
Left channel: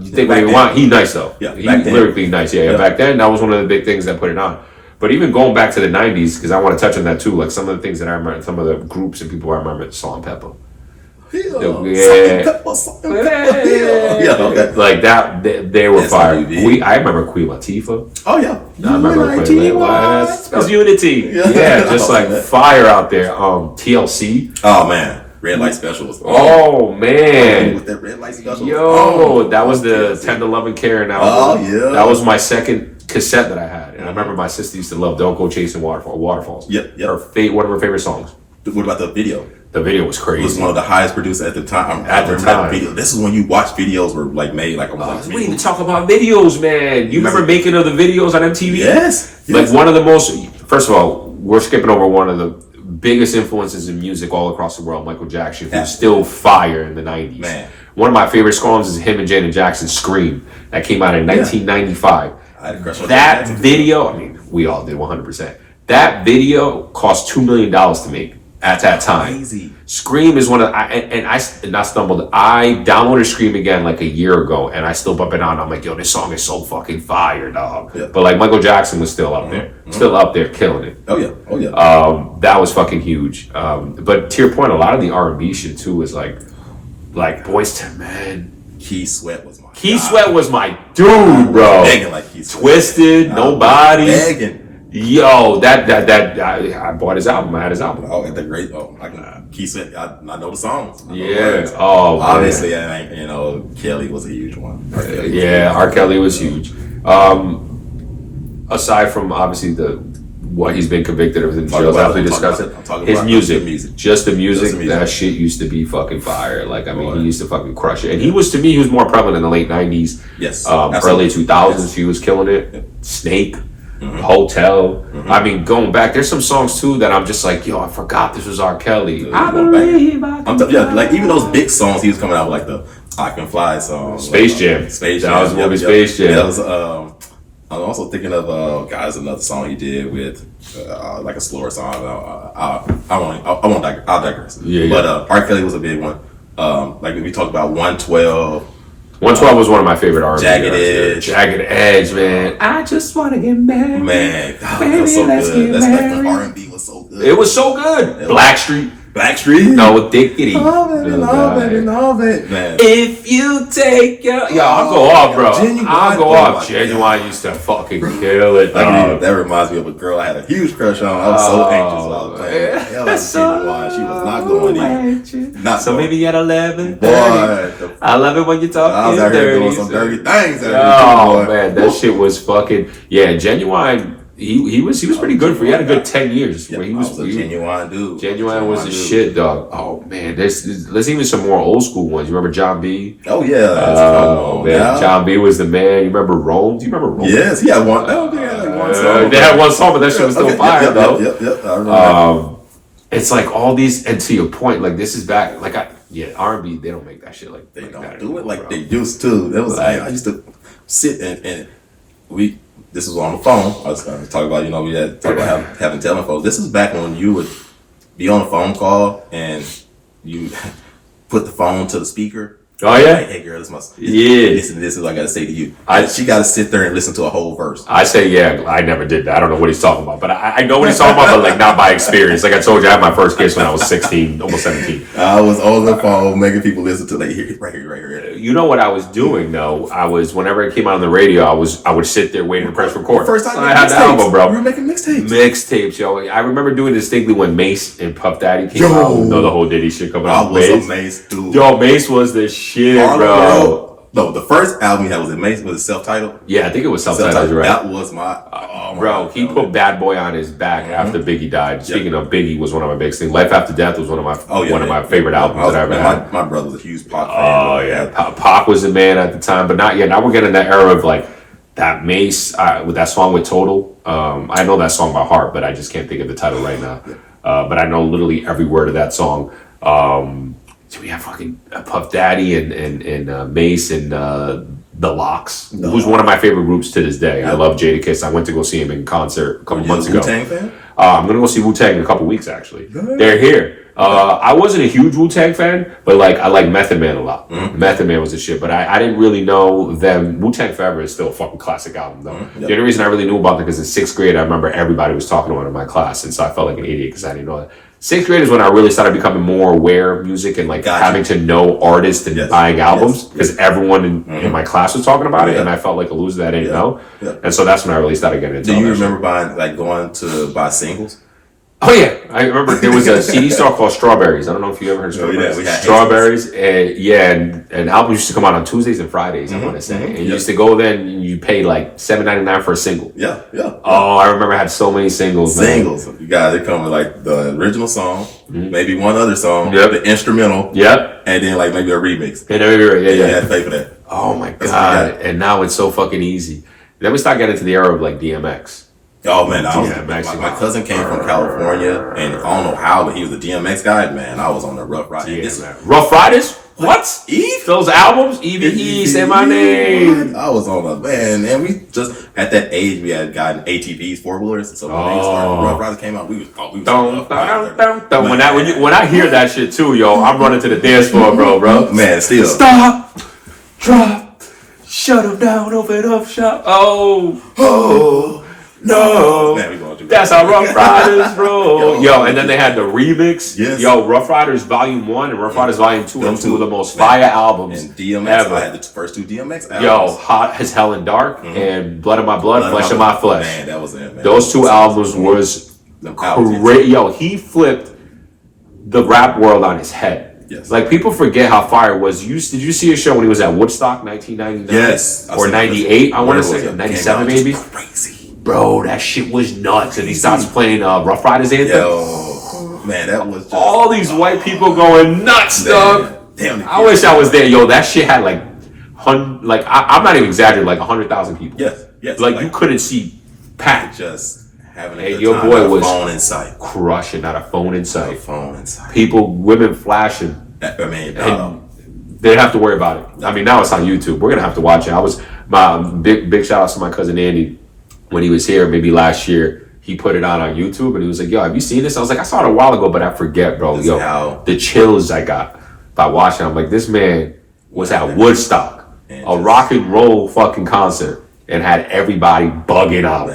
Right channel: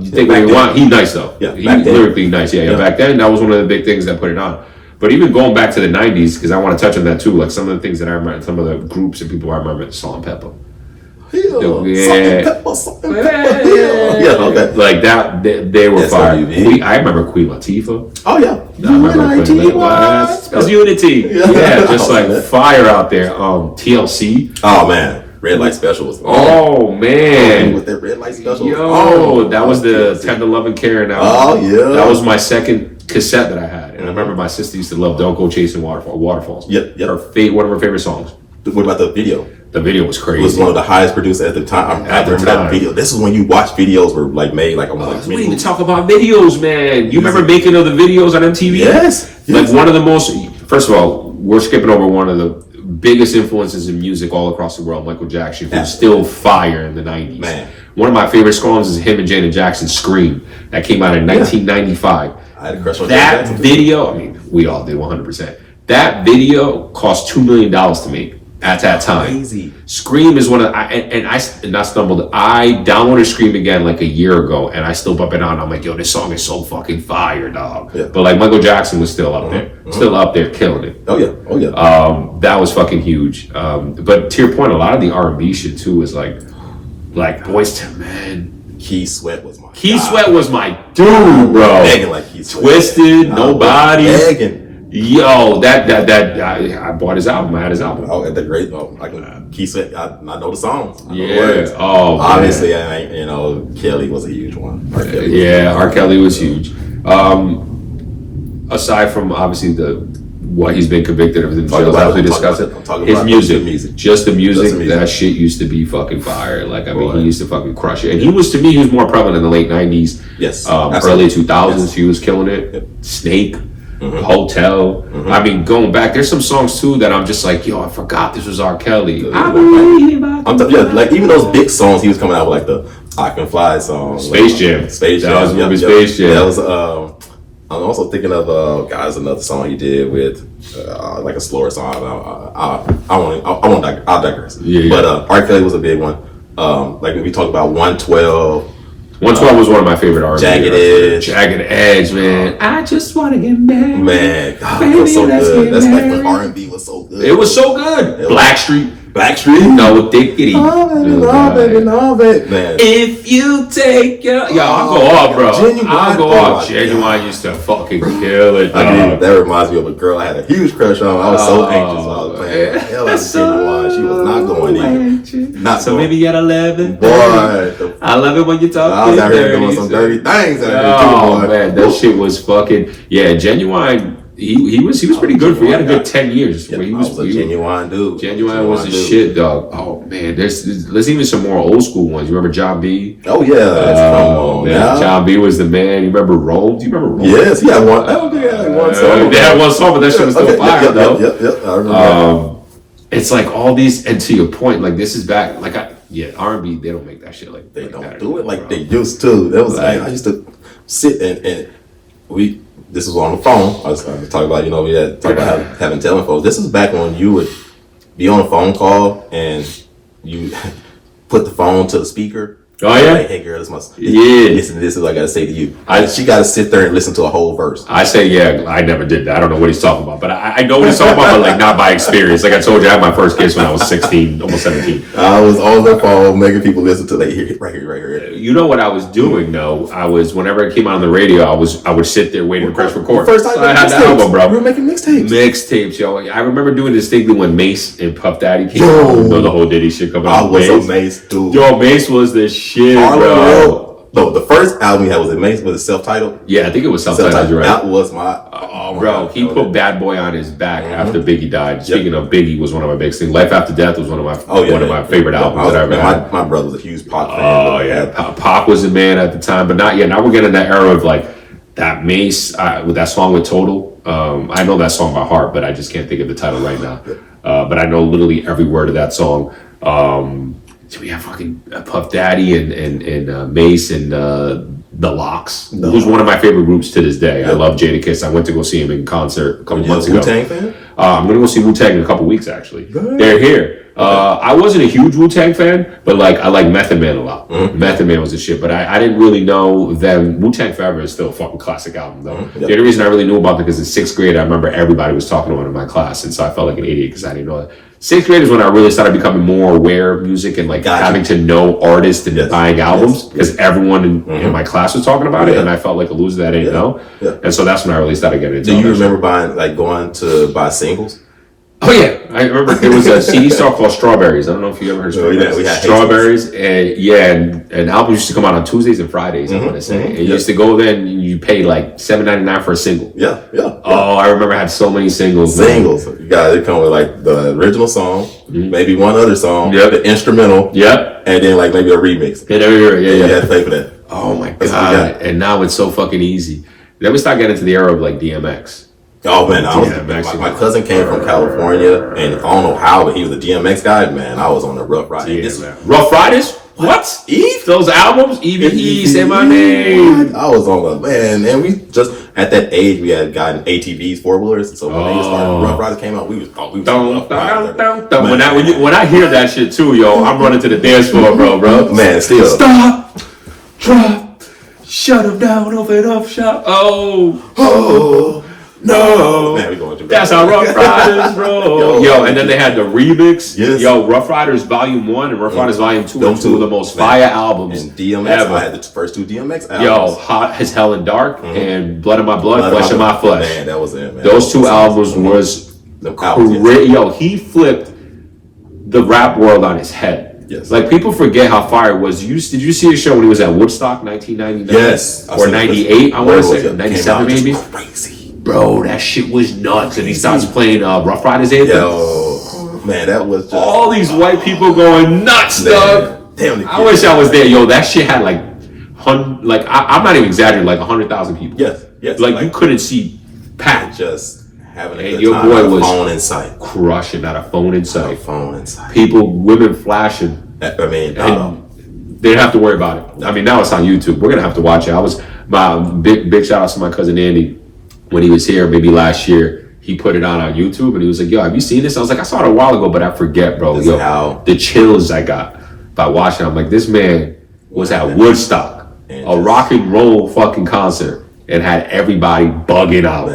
you think what you want, he nice though. Yeah, he lyrically nice. Yeah. Back then that was one of the big things that put it on. But even going back to the 90s, because I want to touch on that too, like some of the things that I remember, some of the groups and people I remember, Salt and Pepper. Salt and Pepper. Like that, they were fire. I remember Queen Latifah. Oh yeah, I remember Queen Latifah. It was Unity. Yeah, just like fire out there. TLC. Oh man. Red Light Special was man. With that Red Light Special. That was the Tender Love and Care album. Oh yeah. That was my second cassette that I had. And I remember my sister used to love Don't Go Chasing Waterfalls. Yep. One of her favorite songs. What about the video? The video was crazy. It was one of the highest produced at the time. I remember that video. This is when you watch videos were like made like almost we didn't even talk about videos, man. You remember making of the videos on MTV? Yes. Like one of the most, first of all, we're skipping over one of the biggest influences in music all across the world, Michael Jackson, who's still fire in the 90s. Man. One of my favorite songs is him and Janet Jackson's Scream. That came out in 1995. I had a crush on that video. I mean, we all did 100%. That video cost $2 million to make at that time. Crazy. Scream is one of I stumbled. I downloaded Scream again like a year ago, and I still bump it on. I'm like, yo, this song is so fucking fire, dog. Yeah. But like Michael Jackson was still up there, still up there, killing it. Oh yeah. That was fucking huge. But to your point, a lot of the R&B shit too is like Boyz II Men. Keith Sweat was my dude, bro. Begging like Keith Sweat. Twisted, Nobody. Begging. Yo, I bought his album. I had his album. Oh, at the great. Oh, I can keep it. I know the songs. I know the Yeah. words. Oh, obviously, man. Kelly was a huge one. R. Kelly was huge. Aside from obviously what he's been convicted of in jail, as we discussed it, his music, just the music, that shit used to be fucking fire. Like, I mean, he used to fucking crush it. And he was more prevalent in the late 90s, early 2000s. Yes. He was killing it. Yep. Snake. Hotel. I mean, going back, there's some songs too that I'm just like, yo, I forgot this was R. Kelly. I believe like even those big songs he was coming out with, like the I Can Fly song, Space Jam. That was the movie Space Jam. That was I'm also thinking of guys, another song he did with like a slower song. I'll digress. But R. Kelly was a big one. Like we talked about 112. 112 was one of my favorite R&B. Jagged Edge, man. I just want to get married. Man, God, that was so good. That's like when R&B was so good. It was so good. Blackstreet. No, Dickity. Love it, man. If you take your... Yo, I'll go off, bro. I'll go off. Genuine used to fucking kill it, dog. That reminds me of a girl I had a huge crush on. I was so anxious while I was playing. Hell, Genuine. She was not going in. So maybe at 11. Boy, I love it when you talk. I was out here doing some dirty things. Oh, man. That shit was fucking... Yeah, Genuine... He was pretty good for. He had a good 10 years. Where he was a genuine dude. Genuine was a shit, dog. Oh man, there's even some more old school ones. You remember John B? Oh yeah, man. John B was the man. You remember Rome? Do you remember Rome? Yes, he had one. Oh yeah, one song. They had one song, but that shit was still fire though. Yep. I remember. It's like all these, and to your point, like this is back. Like R&B, they don't make that shit like they don't do it like they used to. That was like I used to sit and we. This was on the phone. I was talking about, we had talked about having telephones. This is back when you would be on a phone call and you put the phone to the speaker. Oh yeah. Like, hey girl, this is what I gotta say to you. She gotta sit there and listen to a whole verse. I say I never did that. I don't know what he's talking about, but I know what he's talking about, but like not by experience. Like I told you, I had my first kiss when I was 16, almost 17. I was on the phone making people listen to right here. You know what I was doing though? Whenever it came out on the radio, I would sit there waiting to press record. First time so I had the album, bro. You were making mixtapes. Mixtapes, yo. I remember doing it distinctly when Mace and Puff Daddy came out. You know the whole Diddy shit coming out. I was a Mace dude. Yo, Mace was the shit, bro. No, the first album he had was it self-titled? Yeah, I think it was self-titled. You're right. That was my bro. He put Bad Boy on his back after Biggie died. Speaking of Biggie, was one of my big things. Life After Death was one of my favorite albums that I ever had. My brother was a huge Pac fan. Oh yeah, Pac was the man at the time, but not yet. Now we're getting that era of like that Mace with that song with Total. I know that song by heart, but I just can't think of the title right now. But I know literally every word of that song. So we have fucking Puff Daddy and Mace and The Lox, who's one of my favorite groups to this day. I love Jadakiss. I went to go see him in concert a couple months ago. Wu-Tang fan? I'm gonna go see Wu-Tang in a couple weeks actually. They're here. I wasn't a huge Wu-Tang fan, but like I like Method Man a lot. Method Man was a shit, but I didn't really know them. Wu-Tang Forever is still a fucking classic album though. The only reason I really knew about it because in 6th grade I remember everybody was talking about it in my class, and so I felt like an idiot because I didn't know that. 6th grade is when I really started becoming more aware of music and like having to know artists and buying albums because everyone in my class was talking about it, and I felt like a loser that I didn't know. And so that's when I really started getting into it. Do you remember going to buy singles? Oh yeah, I remember there was a CD store called Strawberries. I don't know if you ever heard of Strawberries. We had Strawberries, and albums used to come out on Tuesdays and Fridays. I want to say, and you used to go there and you paid like $7.99 for a single. Yeah. Oh, I remember I had so many singles. You guys, they come with like the original song, maybe one other song, the instrumental, and then like maybe a remix. Yeah. You had to pay for that. Oh my god! And now it's so fucking easy. Then we start getting into the era of like DMX. Oh man, my cousin came from California, and I don't know how, but he was a DMX guy. Man, I was on the Rough Riders. Rough Riders? What? Eve? Those albums? Eve, say my name. I was on the man, and we just at that age we had gotten ATVs, 4-wheelers. So when Rough Riders came out, we was when I hear that shit too, yo, I'm running to the dance floor, bro. Man, still stop, drop, shut them down, open up shop. Oh. No. Man, we going through That's that. how Rough Riders roll. Yo, and then they had the remix. Yes. Yo, Rough Riders Volume 1 and Rough Riders Volume 2 are two of the most fire albums And DMX, ever. I had the first 2 DMX albums. Yo, Hot as Hell and Dark and Blood of My Blood, Flesh of My Flesh. Man, that was it, man. Those 2 albums was albums, crazy. Yo, he flipped the rap world on his head. Yes. Like, people forget how fire it was. Did you see a show when he was at Woodstock, 1999? Yes. Or 98, I want to say. 97 maybe? Crazy. Bro, that shit was nuts. And he starts playing Rough Riders anthem. Yo, man, that was just... All these white people going nuts, dog. Damn, I wish I was there. Yo, that shit had like, I'm not even exaggerating, like 100,000 people. Yes. Like, you couldn't see Pat. Just having a And good your time, boy not a was phone in sight. crushing, not a phone in Not a sight. phone in sight. People, women flashing. I mean, And they didn't have to worry about it. I mean, now it's on YouTube. We're gonna have to watch it. I was my big shout out to my cousin Andy when he was here, maybe last year. He put it on YouTube and he was like, "Yo, have you seen this?" I was like, "I saw it a while ago, but I forget, bro." This Yo, is how- the chills I got by watching. I'm like, this man was at Woodstock, And a rock and roll fucking concert, and had everybody bugging out,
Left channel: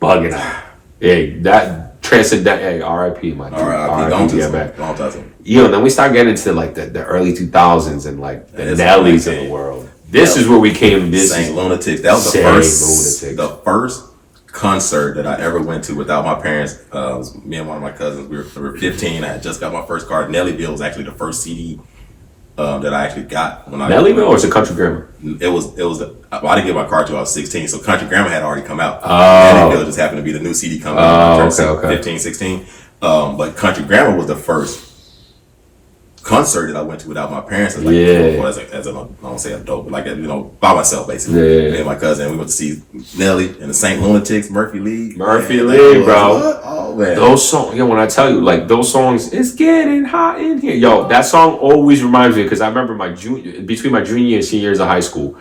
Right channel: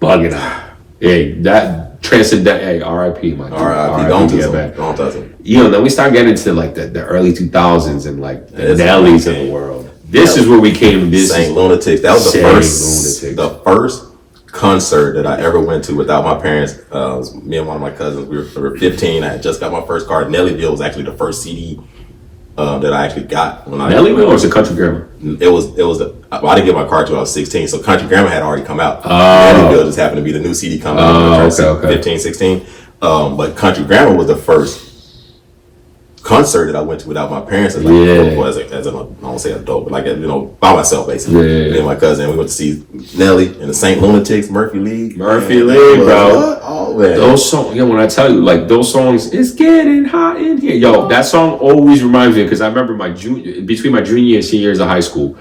bugging out. Hey, that transcendent. Hey, R.I.P. my dude. R.I.P. Don't yeah, touch man. him. Don't touch him. You know, then we start getting into like the early 2000s and like the That's Nellies when of we the came. world. This is where we came. This Saint is Lunatics. That was the Saint first, Lunatics. the first concert that I ever went to without my parents. It was me and one of my cousins. We were 15. I had just got my first car. Nellyville was actually the first CD that I actually got when I Nellyville or is it Country Grammar? It was well, I didn't get my car till I was 16. So Country Grammar had already come out. Oh. Nellyville just happened to be the new CD coming out. Oh, okay. 15, 16. But Country Grammar was the first concert that I went to without my parents as an I won't say adult, but like by myself basically. Yeah. Me and my cousin, we went to see Nelly and the Saint Lunatics, Murphy League. Murphy Man, League, that was- bro. what? Oh man, Those songs, yo, when I tell you, like those songs, it's getting hot in here. Yo, that song always reminds me because I remember between my junior and senior years of high school,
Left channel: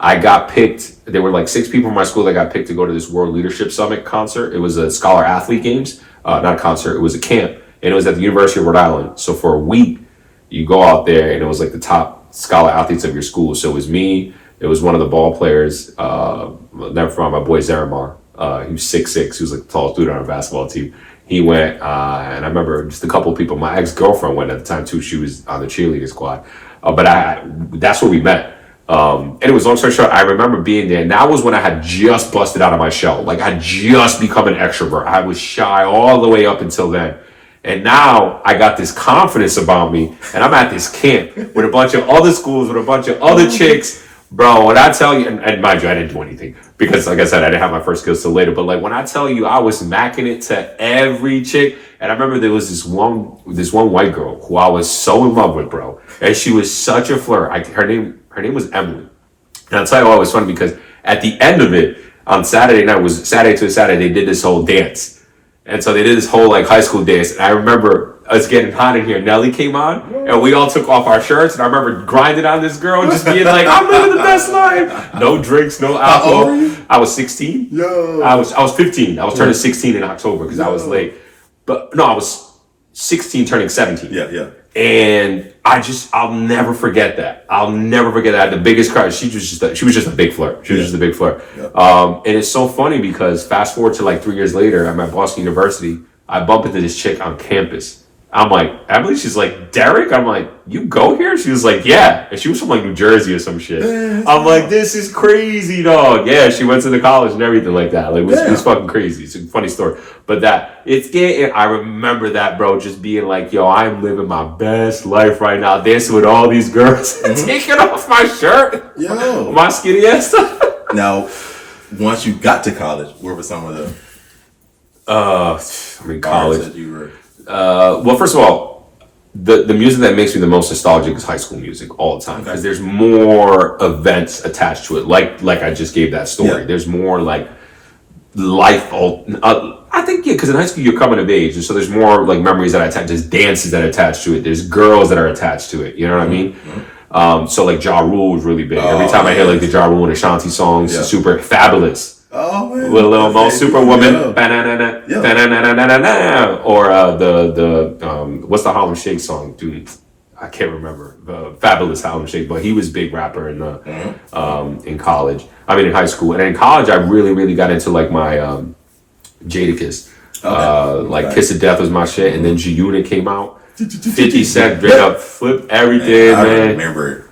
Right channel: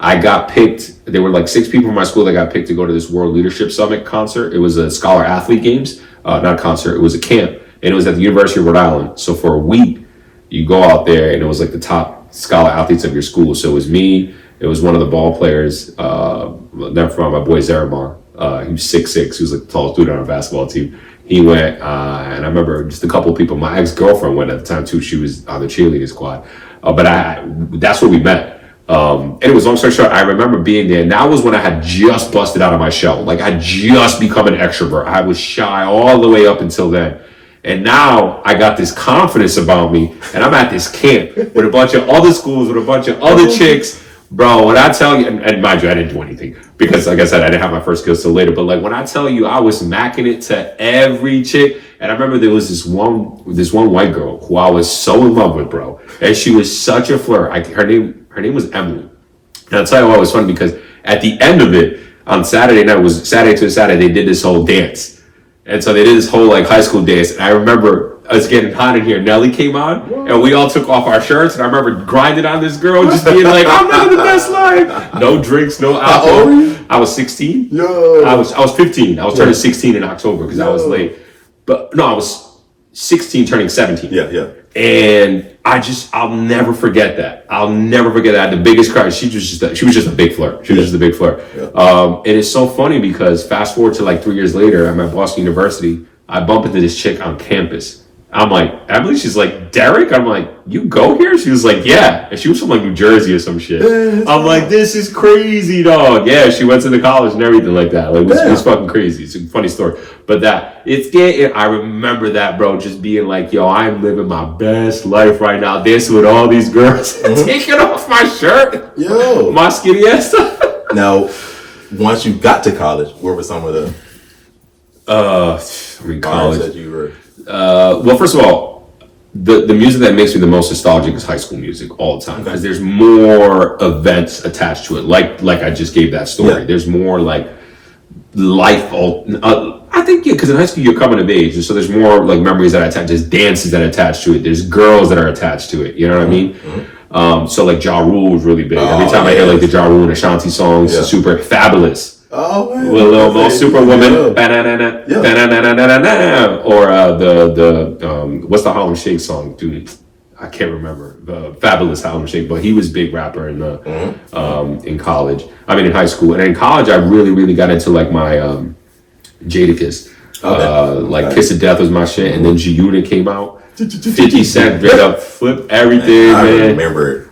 I got picked. There were like 6 people from my school that got picked to go to this World Leadership Summit concert. It was a Scholar Athlete Games, not a concert. It was a camp, and it was at the University of Rhode Island. So for a week, you go out there, and it was like the top scholar athletes of your school. So it was me. It was one of the ball players. Never forget my boy Zaramar. He was 6'6". He was like the tallest dude on our basketball team. He went, and I remember just a couple of people. My ex-girlfriend went at the time too. She was on the cheerleading squad. But that's where we met. And it was, long story short, I remember being there, and that was when I had just busted out of my shell. Like, I had just become an extrovert. I was shy all the way up until then. And now I got this confidence about me, and I'm at this camp with a bunch of other schools, with a bunch of other chicks. Bro, when I tell you, and mind you, I didn't do anything because, like I said, I didn't have my first skills till later. But like when I tell you, I was macking it to every chick. And I remember there was this one white girl who I was so in love with, bro. And she was such a flirt. Her name was Emily. And I'll tell you why it was funny, because at the end of it, on Saturday night, was Saturday to Saturday, they did this whole dance. And so they did this whole like high school dance. And I remember it's getting hot in here. Nelly came on and we all took off our shirts. And I remember grinding on this girl, just being like, I'm living the best life. No drinks, no alcohol. How old were you? I was 16. Yo. I was 15. I was turning 16 in October because I was late. But no, I was 16 turning 17. Yeah. And I'll never forget that. I'll never forget that. The biggest crush. She was just a big flirt. She was just a big flirt. Yeah. And it's so funny because fast forward to like 3 years later, I'm at Boston University. I bump into this chick on campus. I'm like, Emily? She's like, Derek? I'm like, you go here? She was like, yeah. And she was from like New Jersey or some shit. I'm like, this is crazy, dog. Yeah, she went to the college and everything like that. Like, it was fucking crazy. It's a funny story. But I remember that, bro, just being like, yo, I'm living my best life right now, dancing with all these girls, taking off my shirt, my skinny ass. Now, once you got to college, where were some of the college that you were? Well, first of all, the music that makes me the most nostalgic is high school music all the time, because there's more events attached to it. Like I just gave that story. Yeah. There's more like life. I think because in high school you're coming of age, and so there's more like memories that attach. There's dances that attach to it. There's girls that are attached to it. You know what I mean? Mm-hmm. So like Ja Rule was really big. Every time I hear like the Ja Rule and Ashanti songs, super fabulous. Oh man, With Lil Mo, Superwoman, Yeah. or the what's the Harlem Shake song, dude? I can't remember the Fabulous Harlem Shake, but he was a big rapper in the in college. I mean, in high school, and in college, I really got into like my Jadakiss. Like Okay. Kiss of Death was my shit, and then G-Unit came out. 50 Cent straight up flip everything, I man. remember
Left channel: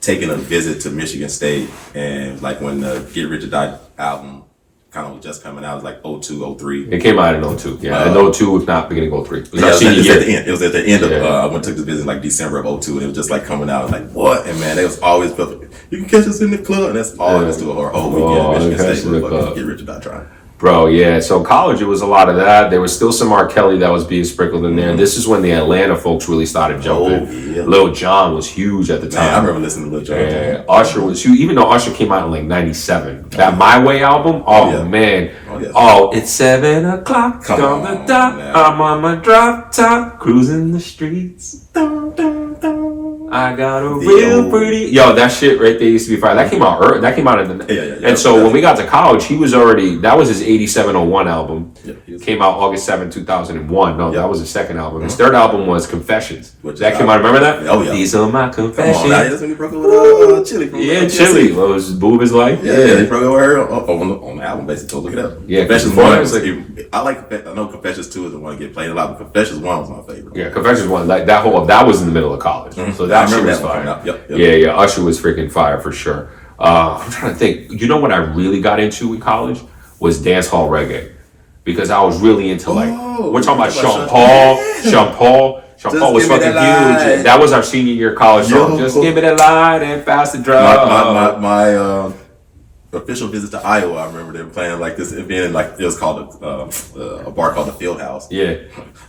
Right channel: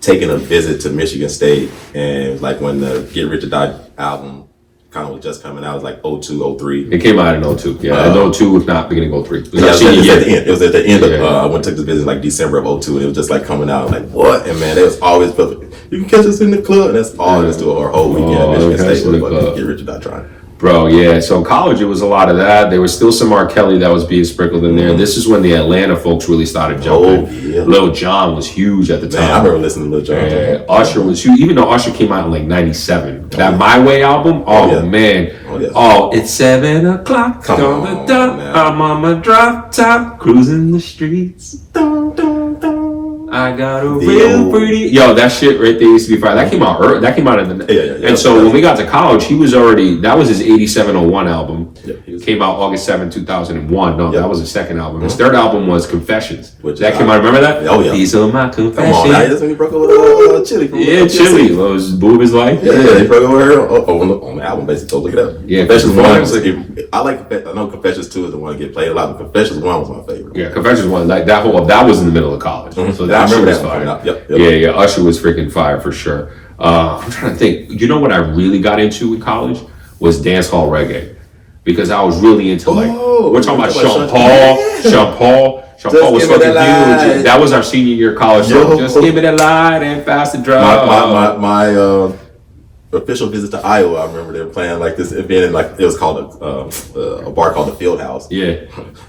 taking a visit to Michigan State, and like when the Get Rich or Die album kind of was just coming out, it was like 02, 03. It came out in 02. Yeah, in 02, if not beginning of 03. It was Yeah, our it was, senior at the year. end. It was at the end of, I went to the visit like December of 02, and it was just like coming out, like, what? And man, it was always, you can catch us in the club, and that's all it was to our whole weekend at Michigan State was fucking Get Rich or Die Trying. Bro, yeah. So in college, it was a lot of that. There was still some R. Kelly that was being sprinkled in there. This is when the Atlanta folks really started jumping. Yeah. Lil Jon was huge at the time. Man, I remember listening to Lil Jon. Yeah, Usher was huge, even though Usher came out in like 97. That My Way album, man. Yeah. It's 7 o'clock Come on on, the dot. man. I'm on my drop top, cruising the streets. Dun, dun, dun. I got a real pretty. Yo, that shit right there used to be fire. That came out early. That came out in the. Yeah. And so when we got to college, he was already. That was his 8701 album. Yeah, Came out August 7, 2001. No, that was his second album. His Mm-hmm. third album was Confessions. That is came out. Remember that? Oh, yeah. These are my Come confessions. on, now, that's when he broke up with Chili. From Yeah, TLC. Chili. What was Boob His Life? Yeah, he broke up with her on the album, basically. So look it up. Yeah, Confessions Confessions 1 one was, I know Confessions 2 is the one that get played a lot, but Confessions 1 was my favorite. Yeah, Confessions one. Like that was in the middle of college. So I that shit remember was that one fire. coming out. Yep. Yeah. Usher was freaking fire for sure. I'm trying to think. You know what I really got into in college was dance hall reggae, because I was really into we're talking about Sean Paul. Sean Paul was give me fucking that huge. light. That was our senior year college song. Yo. Just give me the light and pass the drum. My official visit to Iowa, I remember them playing like this, it being in like, it was called a bar called the Field House. Yeah.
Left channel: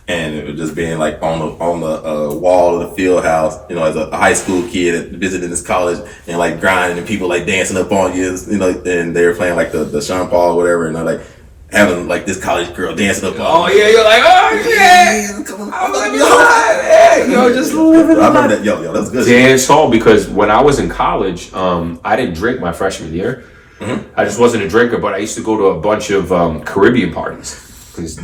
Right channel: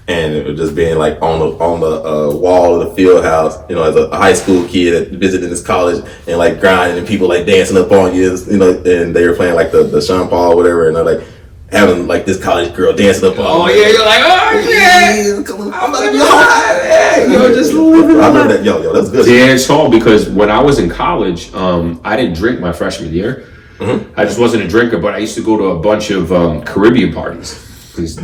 And it was just being like on the wall of the field house, you know, as a high school kid visiting this college and like grinding and people like dancing up on you, you know, and they were playing like the Sean Paul or whatever, and they're like having like this college girl dancing up on Oh you. yeah, you're like, oh yeah, I'm living life. Yo, just living I remember life. that, yo, that was good. Dance hall, because when I was in college, I didn't drink my freshman year. I just wasn't a drinker, but I used to go to a bunch of Caribbean parties, because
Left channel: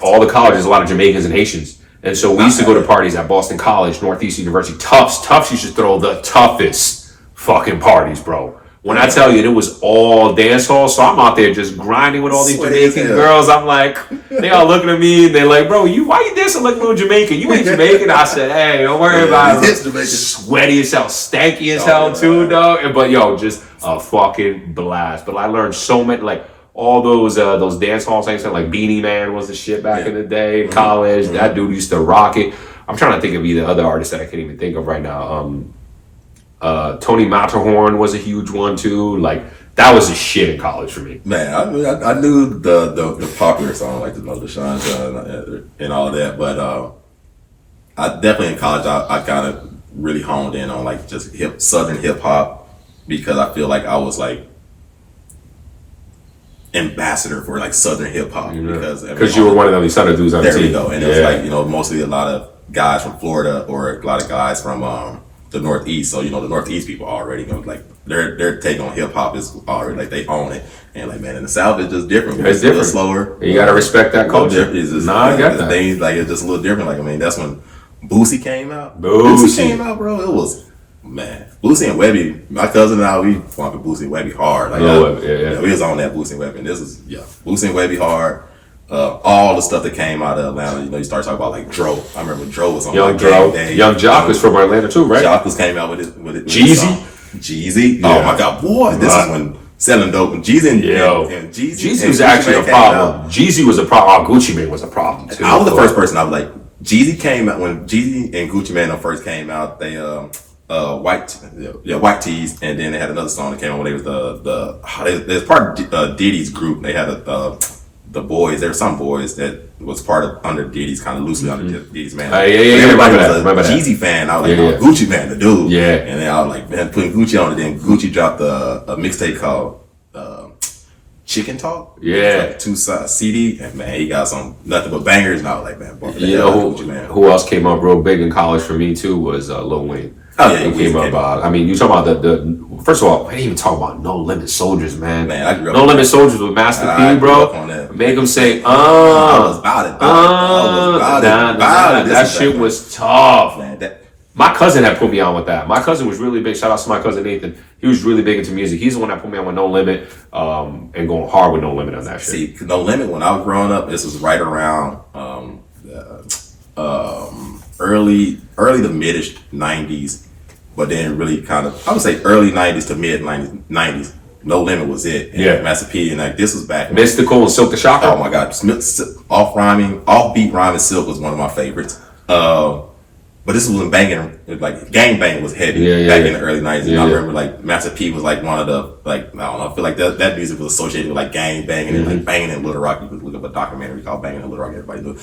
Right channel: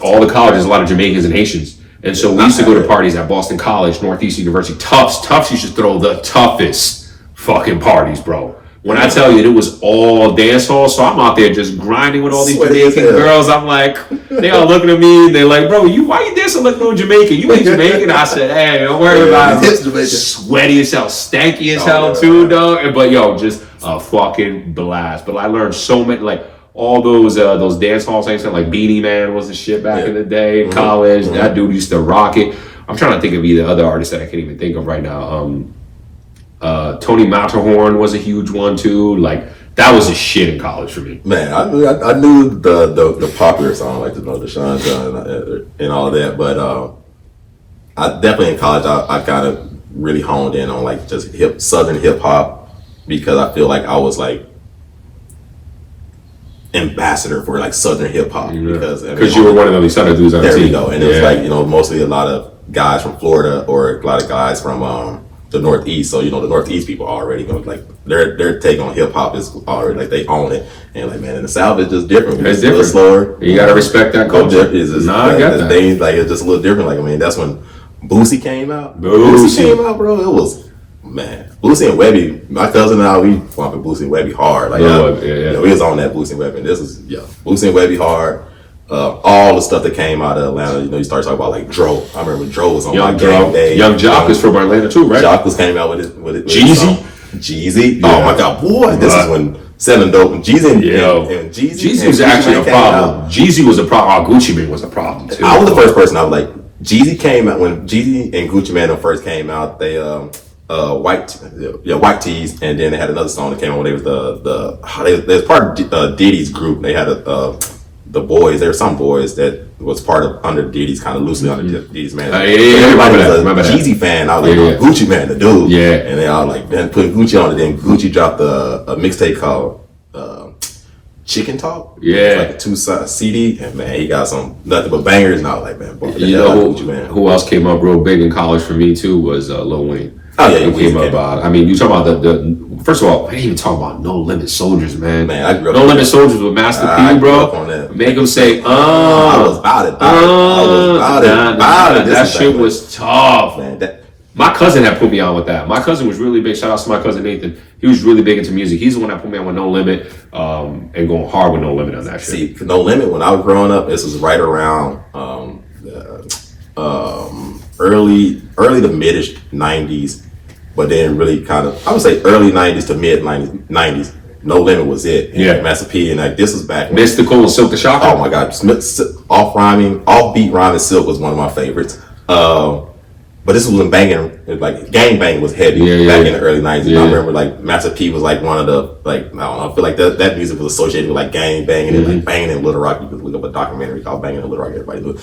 all the colleges, a lot of Jamaicans and Haitians, and so we used to go to parties at Boston College, Northeast University. Tufts used to throw the toughest fucking parties, bro. When I tell you, it was all dance hall, so I'm out there just grinding with all these Sweaty as Jamaican hell. girls. I'm like, they all looking at me and they're like, bro, why you dancing like no Jamaican? You ain't Jamaican. I said, hey, don't worry about it. It's Jamaican. Sweaty as hell, stanky as hell yeah. too, dog. But yo, just a fucking blast. But I learned so many, like all those dance hall things, like Beanie Man was the shit back in the day in college. That dude used to rock it. I'm trying to think of either other artists that I can't even think of right now. Tony Matterhorn was a huge one too. Like that was a shit in college for me. Man, I knew the popular song, like the Sean John and all that, but I definitely in college I kind of really honed in on like just Southern hip hop, because I feel like I was like ambassador for like Southern hip hop, Because you were one of those other dudes on the there team. we go, and it was like, you know, mostly a lot of guys from Florida or a lot of guys from the Northeast. So, you know, the Northeast people already know, like their take on hip hop is already like they own it. And like, man, in the South it's just different. It's a little different. slower. You gotta respect that culture. It's just, I got that. Like it's just a little different. Like, I mean, that's when Boosie came out. Boosie came out, bro. It was, man, Boosie and Webby. My cousin and I, we bumping Boosie and Webby hard. Like, Webby, you know, we was on that Boosie and Webby. And this is Boosie and Webby hard. All the stuff that came out of Atlanta, you know, you start talking about like Dro. I remember Dro was on Young like Dro. Game Day. Young Jock was from Atlanta too, right? Jock was came out with it. Jeezy? Jeezy. Yeah. Oh my God, boy! This is when selling dope. And Jeezy and Jeezy. Jeezy was actually a problem. Jeezy was a problem. Gucci Mane was a problem too. I was the first person. I was like, Jeezy came out when Jeezy and Gucci Mane first came out. They white tees, and then they had another song that came out when they was they was part of Diddy's group. They had the boys. There were some boys that was part of under Diddy's, kind of loosely under Diddy's man. Remember that. Jeezy fan. I was like, oh, Gucci Man, the dude. Yeah. And then I was like, man, putting Gucci on it. Then Gucci dropped a mixtape called Chicken Talk. Yeah. Like a 2-side CD, and man, he got some nothing but bangers. And I was like, man, boy, You know who else came up real big in college for me too was Lil Wayne. Oh yeah, he came up. I mean, you talk about the first of all, I didn't even talk about No Limit Soldiers, man. Man, I grew up No Limit Soldiers with Master P, bro. On that. Make him say, I was about it. that shit was tough. Man, My cousin had put me on with that. My cousin was really big. Shout out to my cousin Nathan. He was really big into music. He's the one that put me on with No Limit, and going hard with No Limit on that shit. See, No Limit, when I was growing up, this was right around early to mid-ish 90s, but then really kind of, I would say early 90s to mid 90s. No Limit was it. And Yeah. Master P, and like this was back when, Mystical and Silk the Shocker. oh my god, offbeat rhyming Silk was one of my favorites. But this was when banging, like gang bang was heavy back in the early 90s. And I remember like Master P was like one of the, like, I don't know, I feel like that music was associated with like gang banging and like banging in Little Rock. You could look up a documentary called Banging in Little Rock, everybody knew.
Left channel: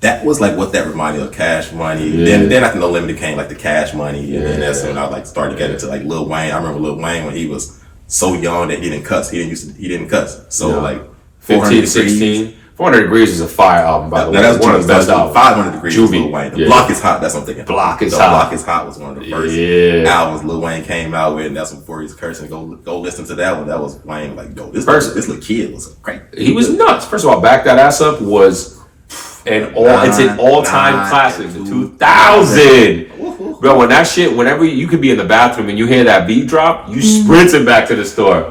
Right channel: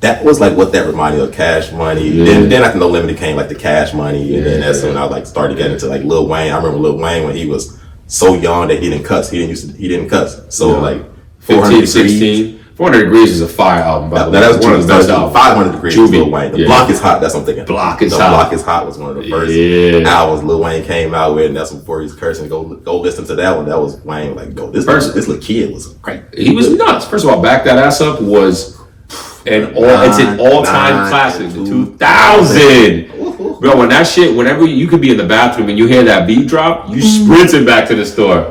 That was like what that reminded me of, Cash Money. Then after No Limit came like the Cash Money, and then that's when I like started getting into like Lil Wayne. I remember Lil Wayne when he was so young that he didn't cuss. He didn't cuss. So like 15, 16. 400 Degrees is a fire album, by the way. That's one of the best albums. 500 Degrees was Lil Wayne. The Block is Hot, that's what I'm thinking. Block is the Hot. Block is Hot was one of the first albums Lil Wayne came out with, and that's before he was cursing. Go listen to that one. That was Wayne, like, yo, this little kid was great. He was nuts. First of all, Back That Ass Up was it's an all-time classic. 2000. Bro, when that shit, whenever you could be in the bathroom and you hear that beat drop, you sprinting back to the store.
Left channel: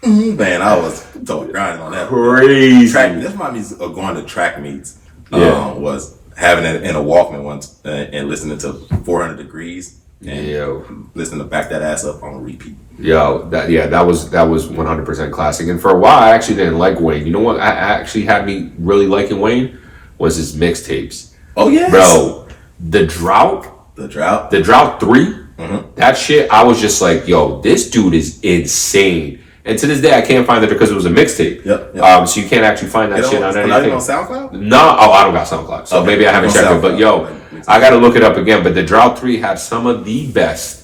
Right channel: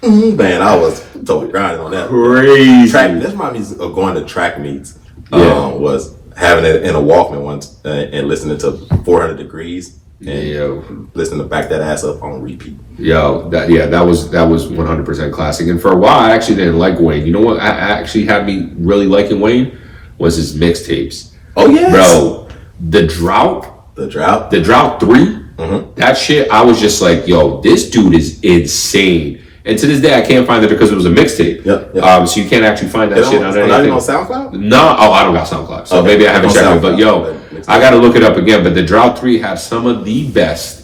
Man, I was totally grinding on that. Crazy. This reminds me of going to track meets. Was having it in a Walkman once and listening to 400 Degrees and listening to Back That Ass Up on repeat. That was 100% classic. And for a while, I actually didn't like Wayne. You know what actually had me really liking Wayne was his mixtapes. Oh yeah, bro, the Drought 3. That shit, I was just like, yo, this dude is insane. And to this day, I can't find it because it was a mixtape. Yep. So you can't actually find that shit on anything. Not even on SoundCloud? No, I don't got SoundCloud. So maybe I haven't checked it. But yo, I got to look it up again. But the Drought 3 had some of the best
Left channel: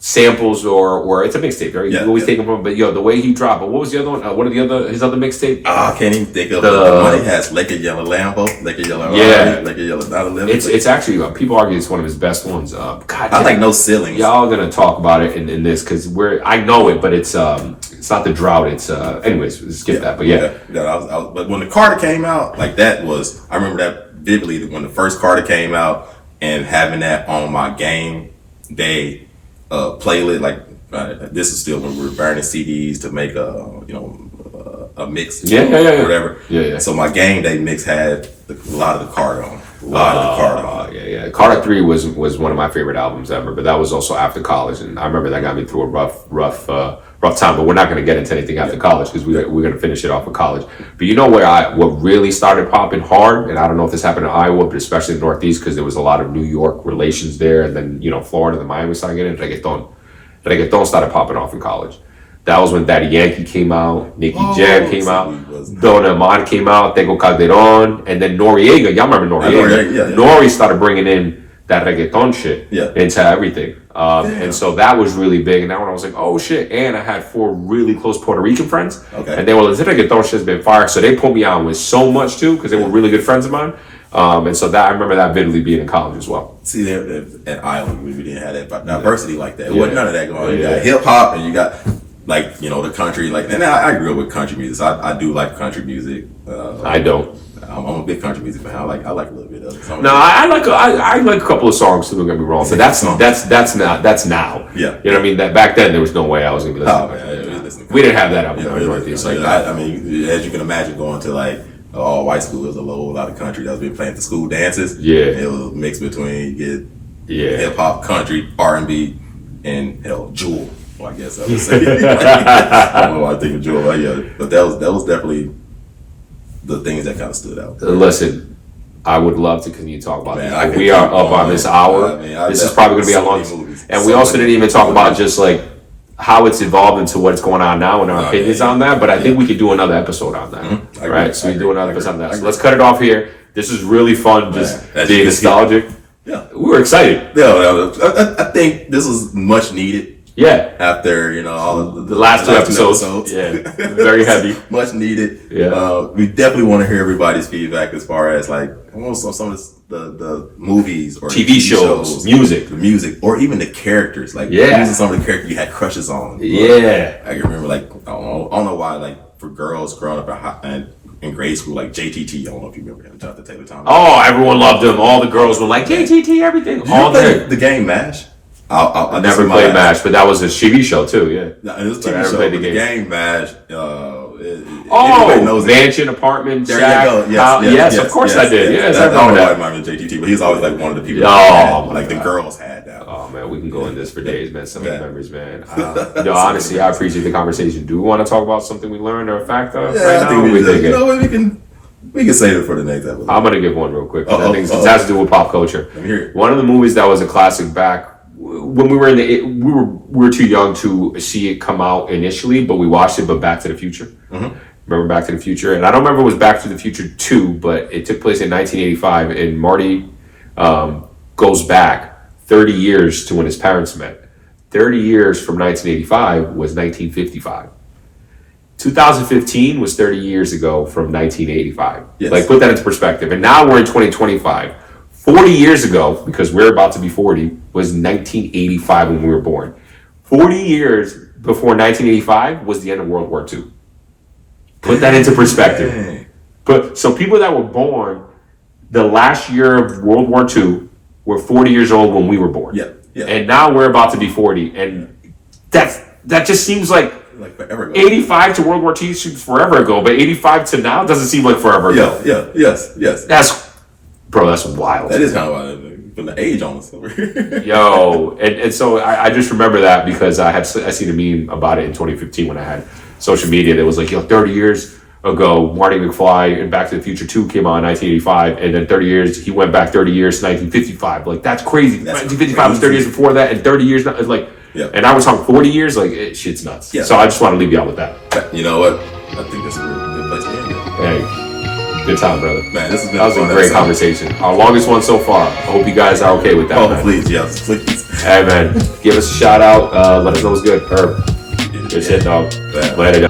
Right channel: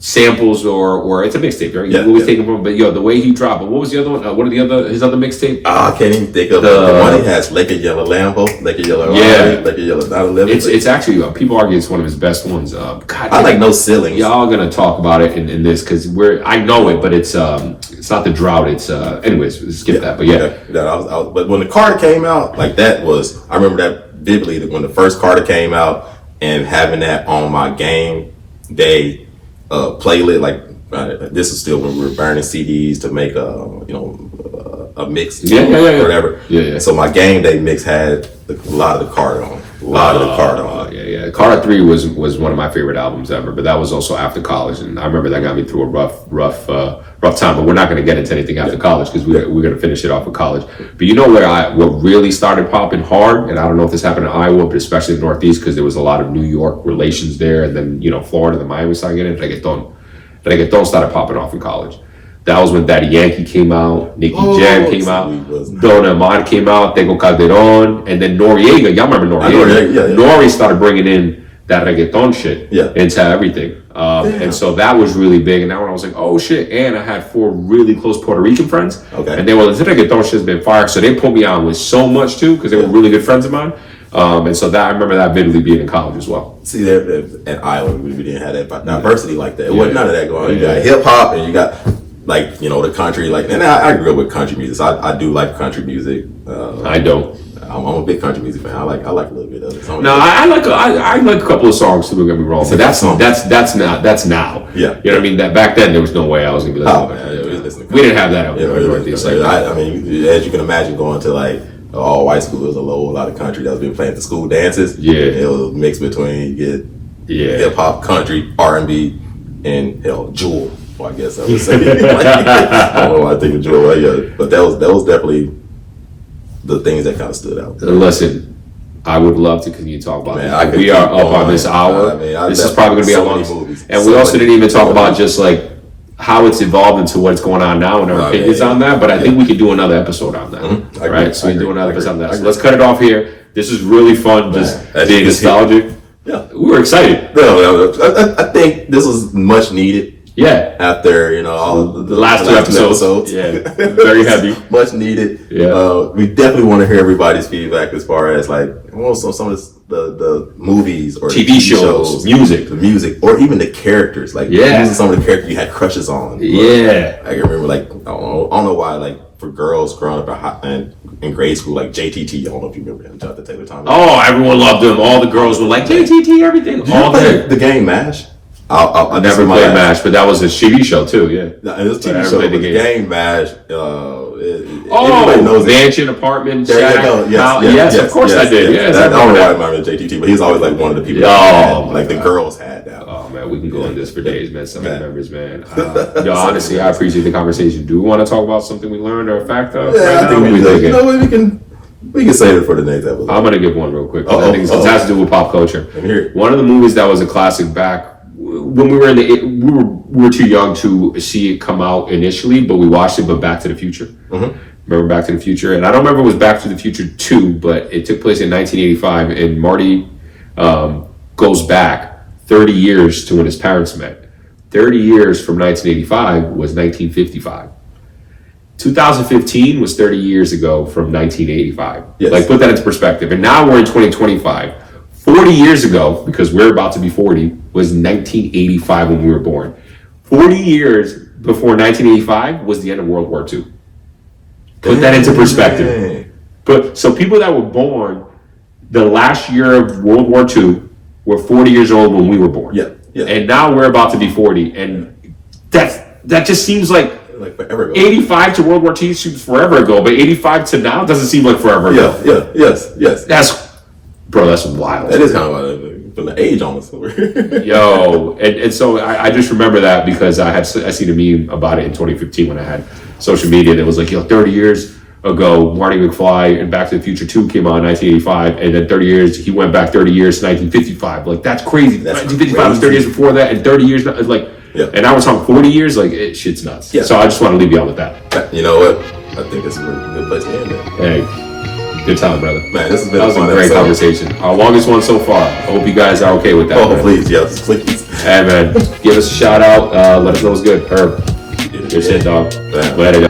samples, or it's a mixtape, right? You always take them from. But yo, the way he dropped. But what was the other one? What are his other mixtape? I can't even think of the one he has. Laker Yellow Lambo, Laker Yellow Raleigh, Laker Yellow 911. It's actually people argue it's one of his best ones. God, I like No Ceilings. Y'all gonna talk about it in this because I know it, but it's not the Drought. It's anyways, skip that. But but when the Carter came out, like that was, I remember that vividly. When the first Carter came out and having that on my game day playlist, like this is still when we were burning CDs to make a mix, whatever. So my game day mix had a lot of the Carter on it. Carter 3 was one of my favorite albums ever, but that was also after college, and I remember that got me through a rough time. But we're not going to get into anything after college because we're going to finish it off with college. But you know what really started popping hard, and I don't know if this happened in Iowa, but especially in the Northeast because there was a lot of New York relations there, and then Florida, the Miami started getting reggaeton. Reggaeton started popping off in college. That was when Daddy Yankee came out, Nicky Jam came out, Don Amon came out, Tego Calderon, and then Noriega. Y'all remember Noriega? Nori started bringing in that reggaeton shit into everything. And so that was really big. And that one I was like, oh shit. And I had 4 really close Puerto Rican friends. And they were like, this reggaeton shit's been fire. So they put me on with so much too, because they were really good friends of mine. And so that I remember that vividly being in college as well. See, there in Iowa, we didn't have that diversity like that. It wasn't none of that going on. You got hip hop and you got the country, and I grew up with country music. I do like country music. I don't. I'm a big country music fan. I like a little bit of it. I like a couple of songs too. Don't get me wrong, but that's now. Yeah, you know what I mean. That back then there was no way I was gonna be listening. We didn't have that up in the Northeast. I mean, as you can imagine, going to like all white school, there was a lot of country that was being played at the school dances. It was mixed between hip hop, country, R&B, and Jewel. Well, I guess I would say. I don't know why I think of Jewel, but that was definitely the things that kind of stood out. Listen, I would love to continue to talk about this. We are up on this hour. This is probably going to be a long. And we also didn't even talk about just like how it's evolved into what's going on now and our opinions on that. But I think we could do another episode on that. Right? So we do another episode on that. So let's cut it off here. This is really fun, just being nostalgic. Yeah, we were excited. I think this was much needed. Yeah. After all of the last 2 episodes. Very heavy. Much needed. Yeah. We definitely want to hear everybody's feedback as far as like some of this the movies or TV shows, music, the music, or even the characters. Like using some of the characters you had crushes on. Yeah, I can remember like I don't know why like for girls growing up in grade school like JTT. I don't know if you remember him, Jonathan Taylor Thomas. Oh, everyone loved him. All the girls were like JTT, everything. Did all the game MASH. I never played MASH, but that was a TV show too. Yeah, it was a TV show. The game MASH. Mansion, apartment, there shack. You go. Yes, of course I did. Yes, I don't know why I remember JTT, but he's always like one of the people. Like the girls had that. Oh man, we can go in this for days, man. Some of the memories, man. Honestly, I appreciate the conversation. Do we want to talk about something we learned or a fact right now? We can save it for the next episode. I'm gonna give one real quick. I think it has to do with pop culture. One of the movies that was a classic back when we were we were too young to see it come out initially, but we watched it. But Back to the Future. Mm-hmm. Remember Back to the Future? And I don't remember if it was Back to the Future 2, but it took place in 1985, and Marty goes back 30 years to when his parents met. 30 years from 1985 was 1955. 2015 was 30 years ago from 1985. Yes. Like, put that into perspective. And now we're in 2025. 40 years ago, because we're about to be 40, was 1985 when we were born. 40 years before 1985 was the end of World War II. Put that into perspective. So people that were born the last year of World War II were 40 years old when we were born. Yeah. And now we're about to be 40. And that just seems like forever ago. 85 to World War II seems forever ago, but 85 to now doesn't seem like forever ago. Yes. That's wild. That is kind of wild. From the age almost. Yo, and so I just remember that because I seen a meme about it in 2015 when I had social media that was like, 30 years ago, Marty McFly and Back to the Future 2 came out in 1985, and then 30 years, he went back 30 years to 1955. Like, that's crazy. 1955 was 30 years before that, and 30 years, like, and now we're talking 40 years, like, shit's nuts. Yeah. So I just want to leave you out with that. You know what? I think that's a good place to end it. Hey, good time, brother. Man, this has been a great conversation. Our longest one so far. I hope you guys are okay with that. Oh, man. Please. Hey, man, give us a shout out. Let us know what's good. Herb. Good shit, dog. Later, guys.